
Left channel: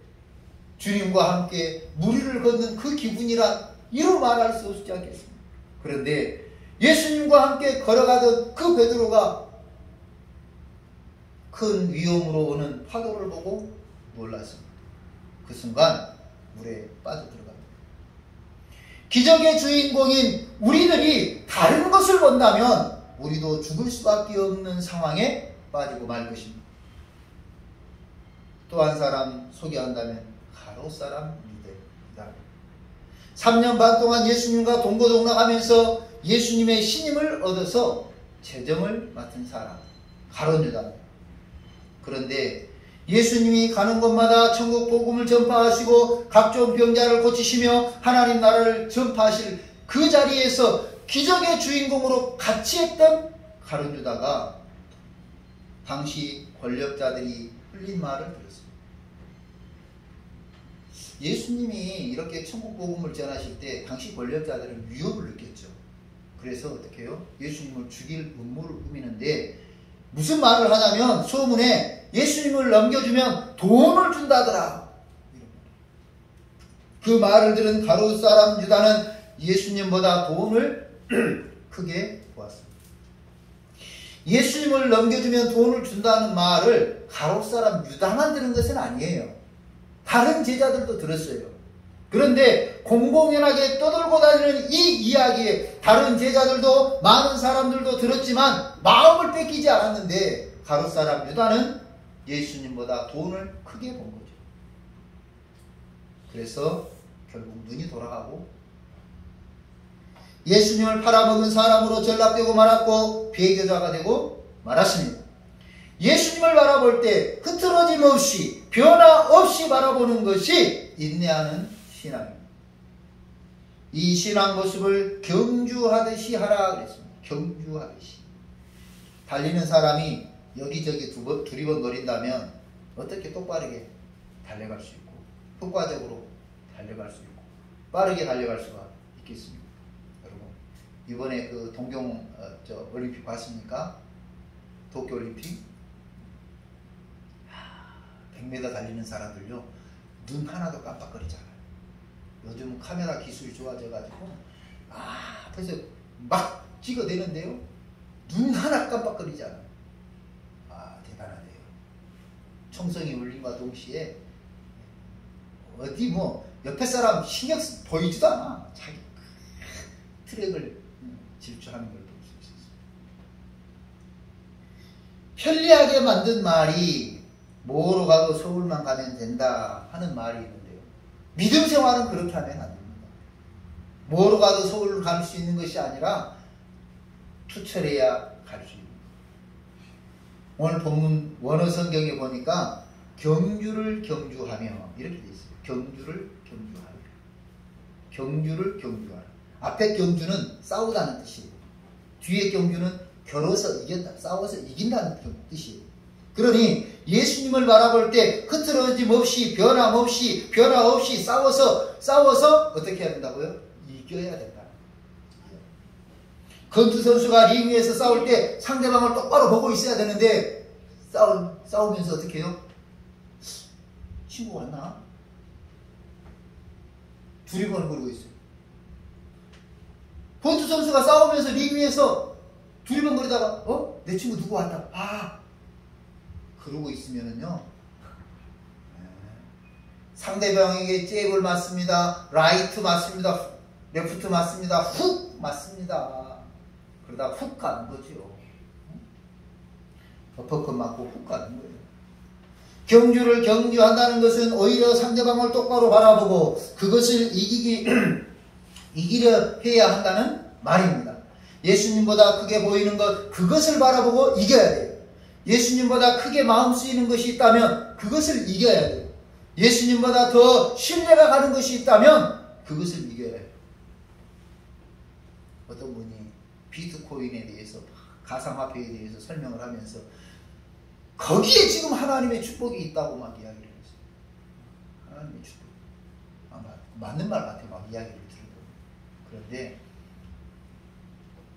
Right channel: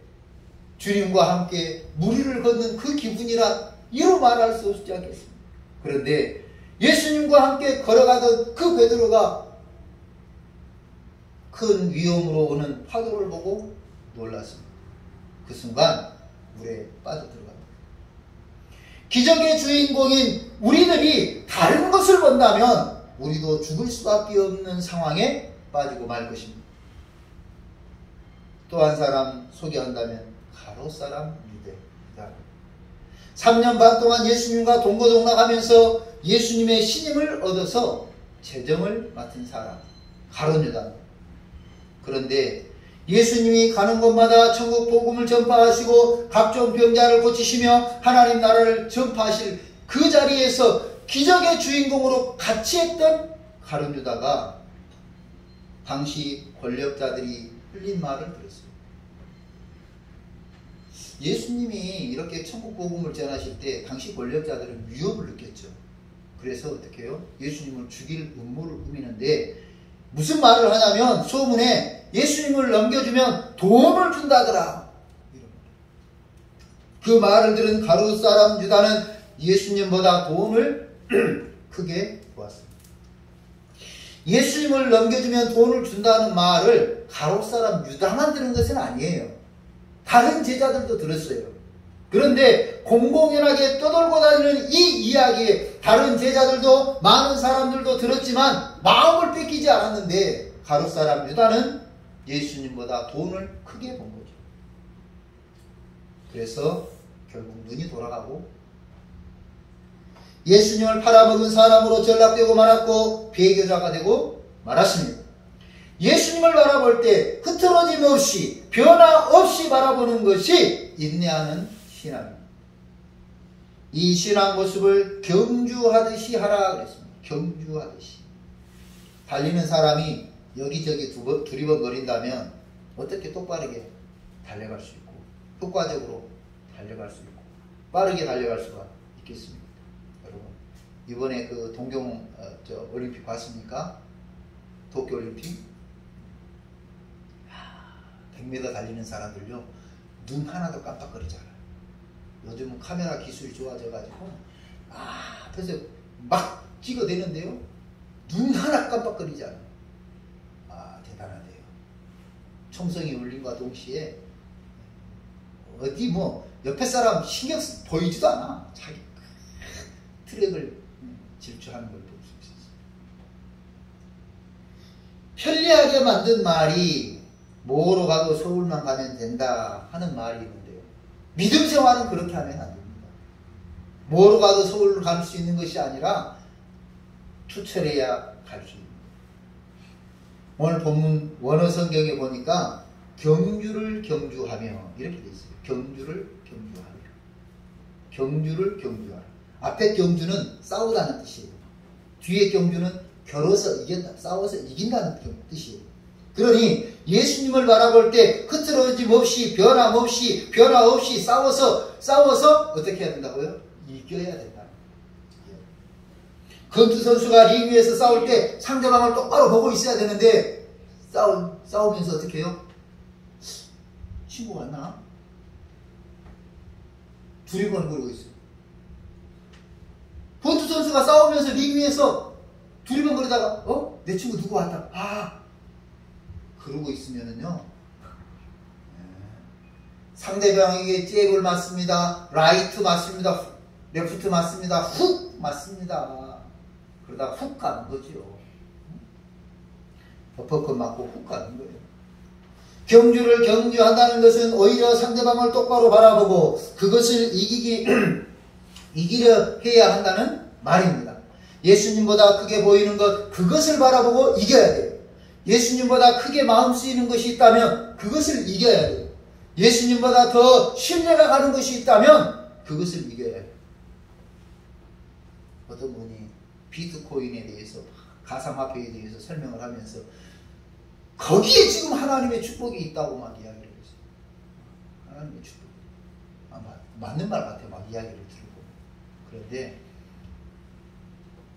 주님과 함께 무리를 걷는 그 기분이라 이루 말할 수 없지 않겠습니까? 그런데 예수님과 함께 걸어가던 그 베드로가 큰 위험으로 오는 파도를 보고 놀랐습니다. 그 순간 물에 빠져들어갑니다. 기적의 주인공인 우리들이 다른 것을 본다면 우리도 죽을 수밖에 없는 상황에 빠지고 말 것입니다. 또 한 사람 소개한다면 가롯 사람 유대입니다. 3년 반 동안 예수님과 동고동락하면서 예수님의 신임을 얻어서 재정을 맡은 사람 가롯 유다. 그런데 예수님이 가는 곳마다 천국 복음을 전파하시고 각종 병자를 고치시며 하나님 나라를 전파하실 그 자리에서 기적의 주인공으로 같이 했던 가룟 유다가 당시 권력자들이 흘린 말을 들었습니다. 예수님이 이렇게 천국 복음을 전하실 때 당시 권력자들은 위협을 느꼈죠. 그래서 어떻게 해요? 예수님을 죽일 음모를 꾸미는데 무슨 말을 하냐면 소문에 예수님을 넘겨주면 돈을 준다더라. 그 말을 들은 가롯 사람 유다는 예수님보다 돈을 크게 보았습니다. 예수님을 넘겨주면 돈을 준다는 말을 가롯 사람 유다만 들은 것은 아니에요. 다른 제자들도 들었어요. 그런데 공공연하게 떠돌고 다니는 이 이야기에 다른 제자들도 많은 사람들도 들었지만 마음을 뺏기지 않았는데 가롯 사람 유다는 예수님보다 돈을 크게 본 거죠. 그래서 결국 눈이 돌아가고 예수님을 팔아먹은 사람으로 전락되고 말았고 배교자가 되고 말았습니다. 예수님을 바라볼 때 흐트러짐 없이 변화 없이 바라보는 것이 인내하는 신앙입니다. 이 신앙 모습을 경주하듯이 하라 그랬습니다. 경주하듯이. 달리는 사람이 여기저기 두리번거린다면 어떻게 똑바르게 달려갈 수 있고 효과적으로 달려갈 수 있고 빠르게 달려갈 수가 있겠습니까? 여러분 이번에 그 동경 올림픽 봤습니까? 도쿄올림픽 100m 달리는 사람들요 눈 하나도 깜빡거리지 않아요. 요즘은 카메라 기술이 좋아져가지고 앞에서 막 찍어대는데요 눈 하나 깜빡거리지 않아요. 대단하네요. 총성이 울림과 동시에 어디 뭐 옆에 사람 신경 보이지도 않아. 자기 트랙을 질주하는 걸 볼 수 있어요. 편리하게 만든 말이 뭐로 가도 서울만 가면 된다 하는 말이 있는데요. 믿음 생활은 그렇게 하면 안 됩니다. 뭐로 가도 서울로 갈 수 있는 것이 아니라 투철해야 갈 수 있는 거예요. 오늘 본문 원어 성경에 보니까 경주를 경주하며 이렇게 돼 있어요. 경주를 경주하며. 경주를 경주하라. 앞에 경주는 싸우다는 뜻이에요. 뒤에 경주는 겨뤄서 이겼다. 싸워서 이긴다는 뜻이에요. 그러니 예수님을 바라볼 때 흐트러짐 없이 변화 없이 싸워서 어떻게 해야 된다고요? 이겨야 된다. 권투 선수가 링 위에서 싸울 때 상대방을 똑바로 보고 있어야 되는데 싸우면서 어떻게 해요? 친구 왔나? 두리번거리고 있어요. 권투 선수가 싸우면서 링 위에서 두리번거리다가 내 친구 누구 왔다. 그러고 있으면은요, 상대방에게 잽을 맞습니다. 라이트 맞습니다. 레프트 맞습니다. 훅 맞습니다. 그러다 훅 가는 거죠. 버퍼컷 맞고 훅 가는 거예요. 경주를 경주한다는 것은 오히려 상대방을 똑바로 바라보고 그것을 이기려 해야 한다는 말입니다. 예수님보다 크게 보이는 것, 그것을 바라보고 이겨야 돼요. 예수님보다 크게 마음 쓰이는 것이 있다면 그것을 이겨야 돼요. 예수님보다 더 신뢰가 가는 것이 있다면 그것을 이겨야 해요. 어떤 분이 비트코인에 대해서, 가상화폐에 대해서 설명을 하면서 거기에 지금 하나님의 축복이 있다고 막 이야기를 했어요. 하나님의 축복. 맞는 말 같아요. 막 이야기를 들고. 그런데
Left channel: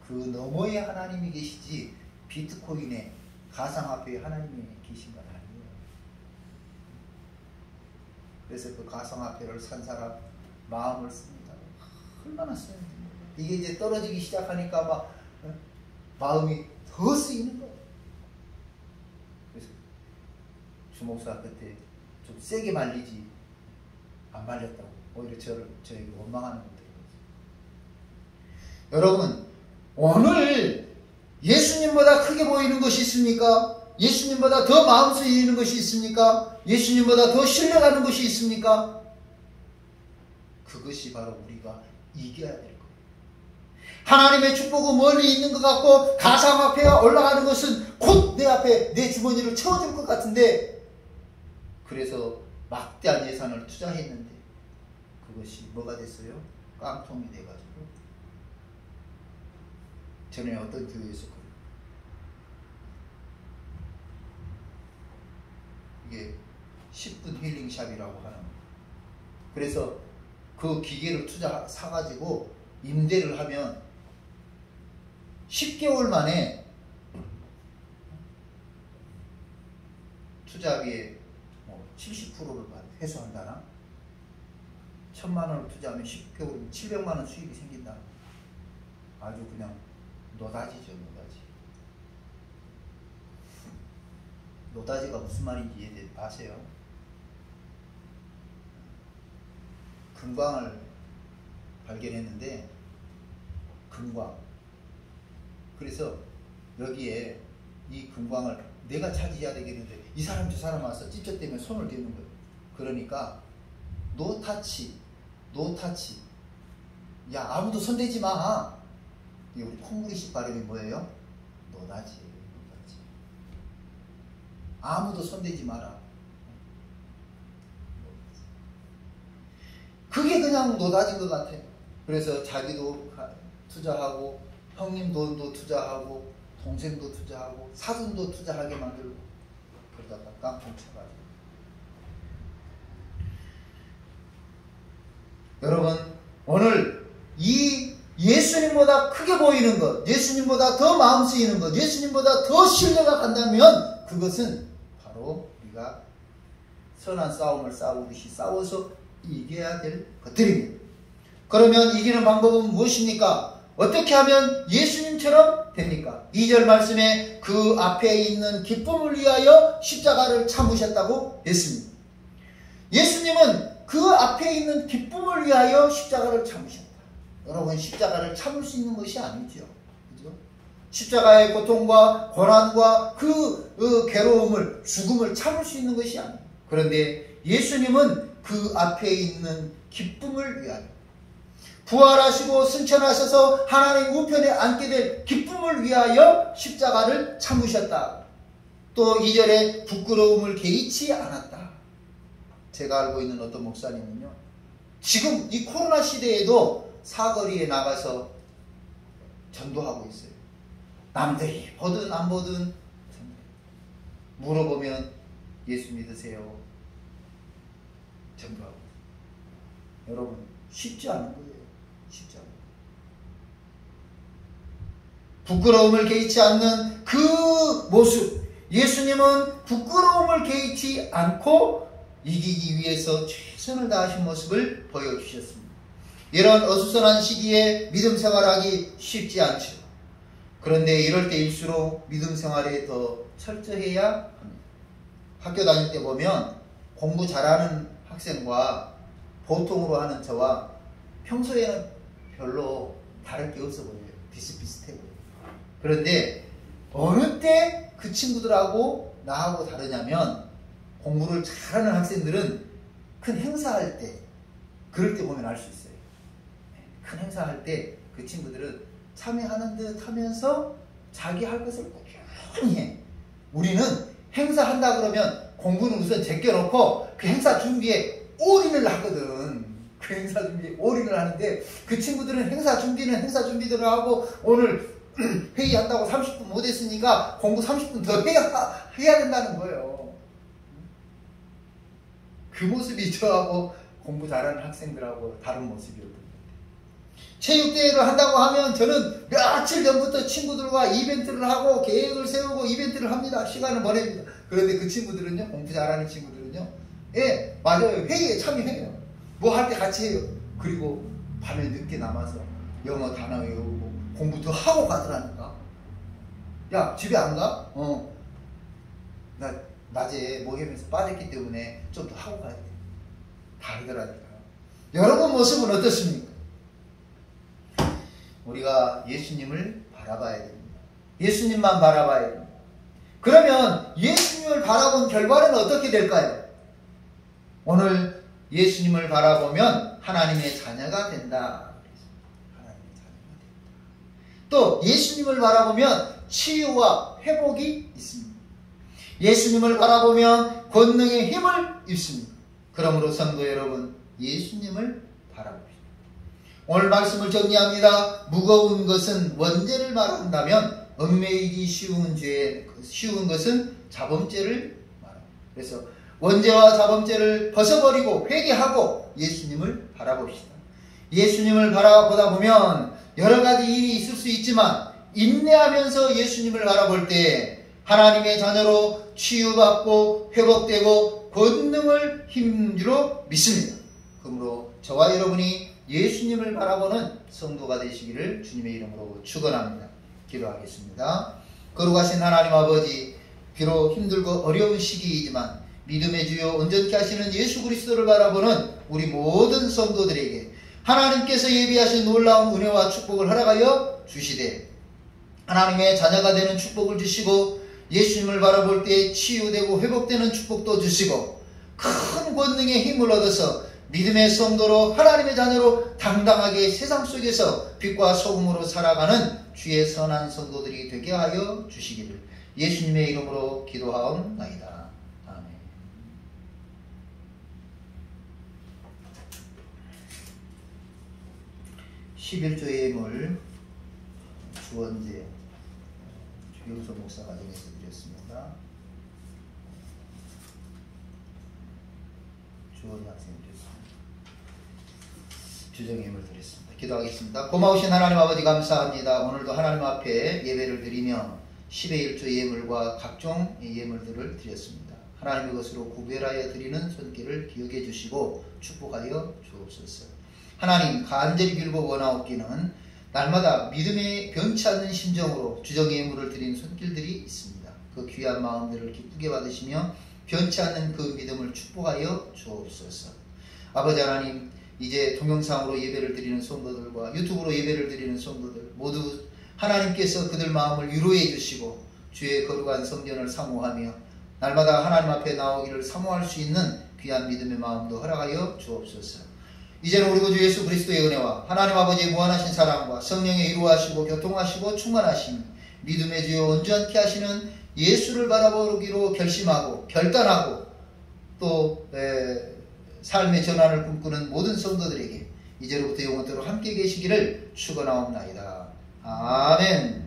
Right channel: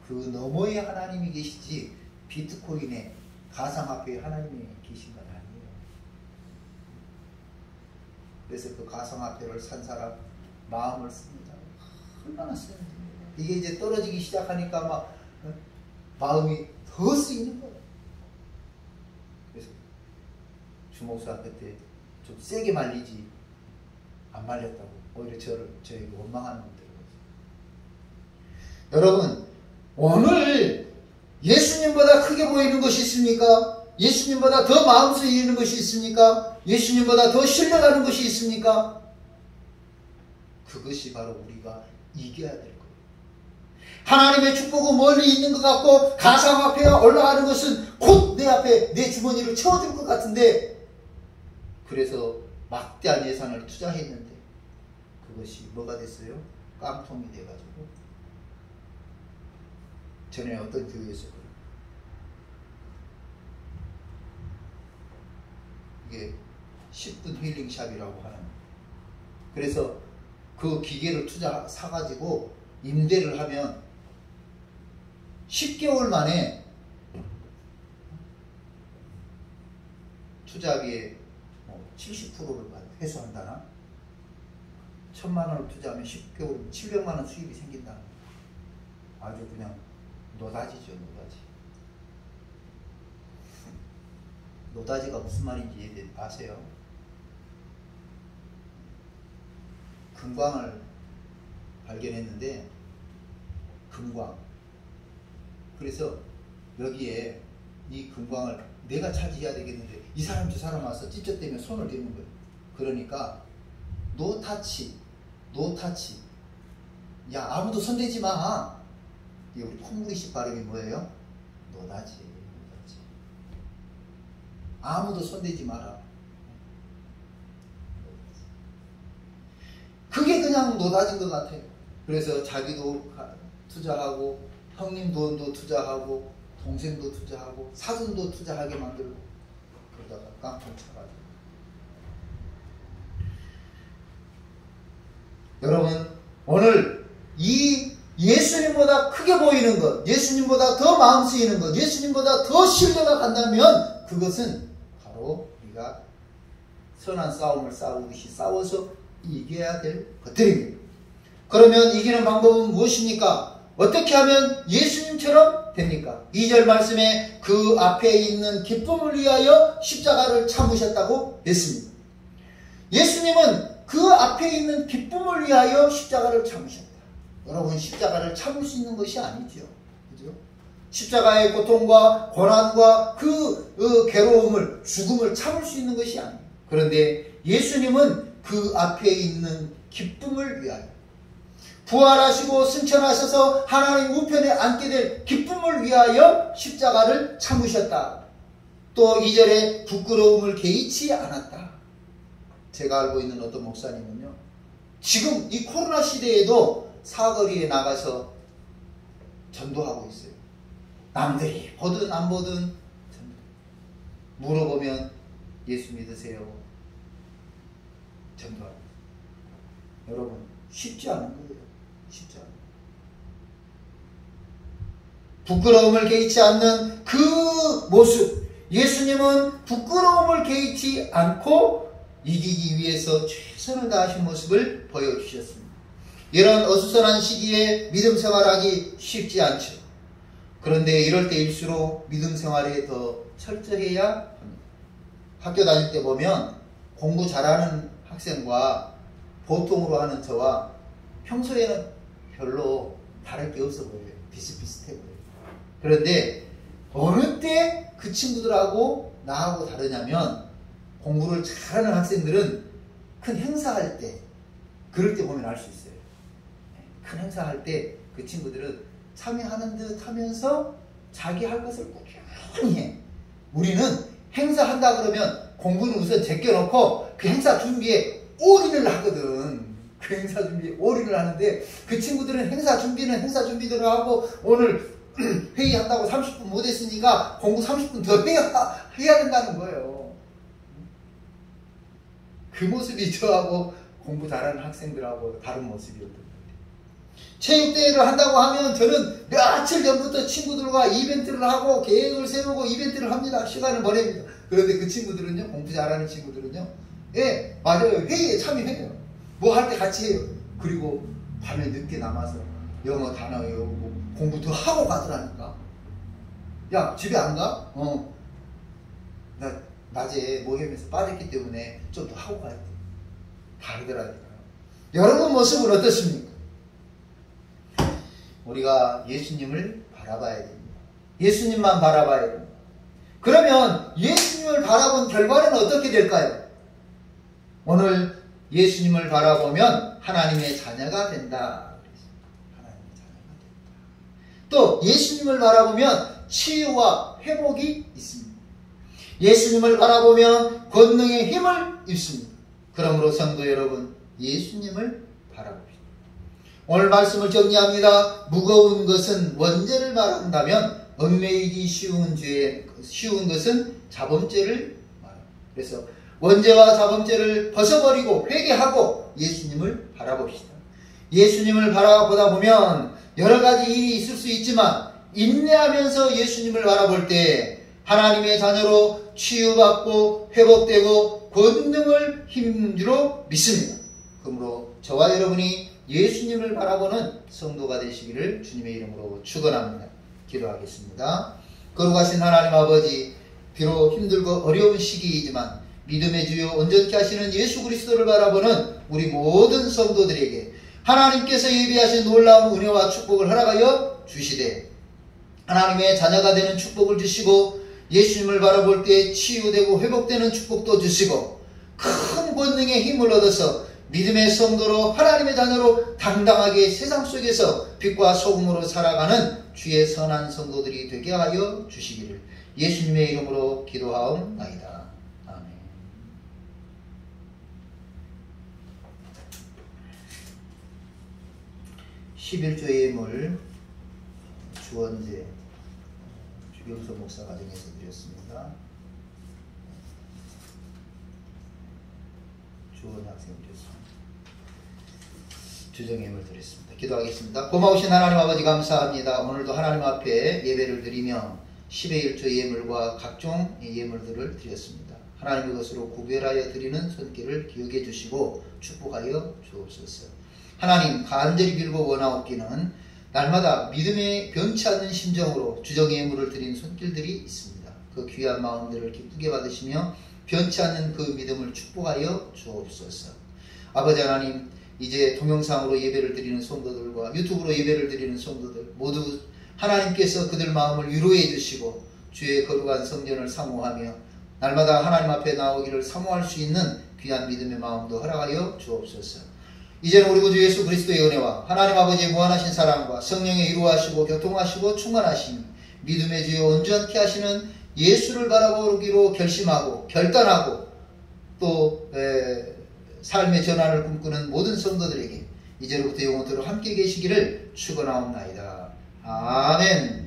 그 너머에 하나님이 계시지 비트코인에 가상화폐에 하나님이 계신 건 아니에요. 그래서 그 가상화폐를 산 사람 마음을 씁니다. 얼마나 쓰는지. 이게 이제 떨어지기 시작하니까 막 마음이 더 쓰이는 거예요. 그래서 주목사 그때 좀 세게 말리지 안 말렸다고 오히려 저에게 원망하는 분들이 있어요. 여러분, 오늘 예수님보다 크게 보이는 것이 있습니까? 예수님보다 더 마음 쓰이는 것이 있습니까? 예수님보다 더 신뢰가는 것이 있습니까? 그것이 바로 우리가 이겨야 될 거예요. 하나님의 축복은 멀리 있는 것 같고 가상화폐가 올라가는 것은 곧 내 앞에 내 주머니를 채워줄 것 같은데, 그래서 막대한 예산을 투자했는데 그것이 뭐가 됐어요? 깡통이 돼가지고. 전에 어떤 교회에서 이게 10분 힐링샵이라고 하는 거예요. 그래서 그 기계를 사가지고 임대를 하면 10개월 만에 투자비의 70%를 회수한다나? 1,000만 원을 투자하면 10개월이면 700만 원 수익이 생긴다. 아주 그냥 노다지죠, 노다지. 노다지가 무슨 말인지 아세요? 금광을 발견했는데, 금광. 그래서 여기에 이 금광을 내가 차지해야 되겠는데 이 사람 저 사람 와서 찝쩍대면 손을 대는 거예요. 그러니까 노타치. 야, 아무도 손대지 마. 이 우리 콩무리식 발음이 뭐예요? 노다지. 아무도 손대지 마라. 그게 그냥 노다진 것 같아요. 그래서 자기도 투자하고 형님 돈도 투자하고 동생도 투자하고 사돈도 투자하게 만들고 그러다가 깡통 쳐가지고. 여러분, 오늘 이 예수님보다 크게 보이는 것, 예수님보다 더 마음 쓰이는 것, 예수님보다 더 신뢰가 간다면 그것은 바로 우리가 선한 싸움을 싸우듯이 싸워서 이겨야 될 것들입니다. 그러면 이기는 방법은 무엇입니까? 어떻게 하면 예수님처럼 됩니까? 2절 말씀에 그 앞에 있는 기쁨을 위하여 십자가를 참으셨다고 했습니다. 예수님은 그 앞에 있는 기쁨을 위하여 십자가를 참으셨다. 여러분, 십자가를 참을 수 있는 것이 아니죠. 그죠? 십자가의 고통과 고난과 그 괴로움을, 죽음을 참을 수 있는 것이 아니에요. 그런데 예수님은 그 앞에 있는 기쁨을 위하여, 부활하시고 승천하셔서 하나님 우편에 앉게 될 기쁨을 위하여 십자가를 참으셨다. 또 2절에 부끄러움을 개의치 않았다. 제가 알고 있는 어떤 목사님은요, 지금 이 코로나 시대에도 사거리에 나가서 전도하고 있어요. 남들이 보든 안 보든 물어보면 예수 믿으세요. 전도하고 있어요. 여러분, 쉽지 않은 거예요. 쉽지 않아요. 부끄러움을 개의치 않는 그 모습, 예수님은 부끄러움을 개의치 않고 이기기 위해서 최선을 다하신 모습을 보여주셨습니다. 이런 어수선한 시기에 믿음 생활하기 쉽지 않죠. 그런데 이럴 때일수록 믿음 생활에 더 철저해야 합니다. 학교 다닐 때 보면 공부 잘하는 학생과 보통으로 하는 저와 평소에는 별로 다를 게 없어 보여요. 비슷비슷해 보여요. 그런데 어느 때 그 친구들하고 나하고 다르냐면, 공부를 잘하는 학생들은 큰 행사할 때, 그럴 때 보면 알 수 있어요. 큰 행사할 때 그 친구들은 참여하는 듯 하면서 자기 할 것을 꾸준히 해. 우리는 행사한다 그러면 공부는 우선 제껴놓고 그 행사 준비에 올인을 하거든. 그 행사 준비에 올인을 하는데, 그 친구들은 행사 준비는 행사 준비대로 하고, 오늘 회의한다고 30분 못했으니까 공부 30분 더 해야 된다는 거예요. 그 모습이 저하고 공부 잘하는 학생들하고 다른 모습이었던 것 같아요. 체육대회를 한다고 하면 저는 며칠 전부터 친구들과 이벤트를 하고 계획을 세우고 이벤트를 합니다. 시간을 보냅니다. 그런데 그 친구들은요, 공부 잘하는 친구들은요, 예, 맞아요. 회의에 참여해요. 뭐 할 때 같이 해요. 그리고 밤에 늦게 남아서 영어 단어 외우고 공부 더 하고 가더라니까. 야, 집에 안 가? 나 낮에 모임에서 빠졌기 때문에 좀 더 하고 가야 돼. 다르더라니까요. 여러분 모습은 어떻습니까? 우리가 예수님을 바라봐야 됩니다. 예수님만 바라봐야 됩니다. 그러면 예수님을 바라본 결과는 어떻게 될까요? 오늘 예수님을 바라보면 하나님의 자녀가 된다. 하나님의 자녀가 된다. 또 예수님을 바라보면 치유와 회복이 있습니다. 예수님을 바라보면 권능의 힘을 입습니다. 그러므로 성도 여러분, 예수님을 바라봅시다. 오늘 말씀을 정리합니다. 무거운 것은 원죄를 말한다면 얽매이기 쉬운 것은 자범죄를 말합니다. 그래서 원죄와 자범죄를 벗어버리고 회개하고 예수님을 바라봅시다. 예수님을 바라보다 보면 여러 가지 일이 있을 수 있지만, 인내하면서 예수님을 바라볼 때 하나님의 자녀로 치유받고 회복되고 권능을 힘주로 믿습니다. 그러므로 저와 여러분이 예수님을 바라보는 성도가 되시기를 주님의 이름으로 축원합니다. 기도하겠습니다. 거룩하신 하나님 아버지, 비록 힘들고 어려운 시기이지만 믿음의 주요 온전케 하시는 예수 그리스도를 바라보는 우리 모든 성도들에게 하나님께서 예비하신 놀라운 은혜와 축복을 허락하여 주시되, 하나님의 자녀가 되는 축복을 주시고 예수님을 바라볼 때 치유되고 회복되는 축복도 주시고, 큰 권능의 힘을 얻어서 믿음의 성도로 하나님의 자녀로 당당하게 세상 속에서 빛과 소금으로 살아가는 주의 선한 성도들이 되게 하여 주시기를 예수님의 이름으로 기도하옵나이다. 아멘. 11조의 예물 주원제 주경소 목사 과정에서 드렸습니다. 주원 학생 드렸습니다. 주정예물 드렸습니다. 기도하겠습니다. 고마우신 하나님 아버지 감사합니다. 오늘도 하나님 앞에 예배를 드리며 10의 1조 예물과 각종 예물들을 드렸습니다. 하나님 그것으로 구별하여 드리는 손길을 기억해 주시고 축복하여 주옵소서. 하나님 간절히 빌고 원하옵기는 날마다 믿음에 변치 않는 심정으로 주정의 예물을 드리는 손길들이 있습니다. 그 귀한 마음들을 기쁘게 받으시며 변치 않는 그 믿음을 축복하여 주옵소서. 아버지 하나님, 이제 동영상으로 예배를 드리는 성도들과 유튜브로 예배를 드리는 성도들 모두 하나님께서 그들 마음을 위로해 주시고 주의 거룩한 성전을 사모하며 날마다 하나님 앞에 나오기를 사모할 수 있는 귀한 믿음의 마음도 허락하여 주옵소서. 이제는 우리 구주 예수 그리스도의 은혜와 하나님 아버지의 무한하신 사랑과 성령의 이루하시고 교통하시고 충만하신 믿음의 주여 온전케 하시는 예수를 바라보기로 결심하고 결단하고 또 삶의 전환을 꿈꾸는 모든 성도들에게 이제로부터 영원토록 함께 계시기를 축원하옵나이다. 아멘.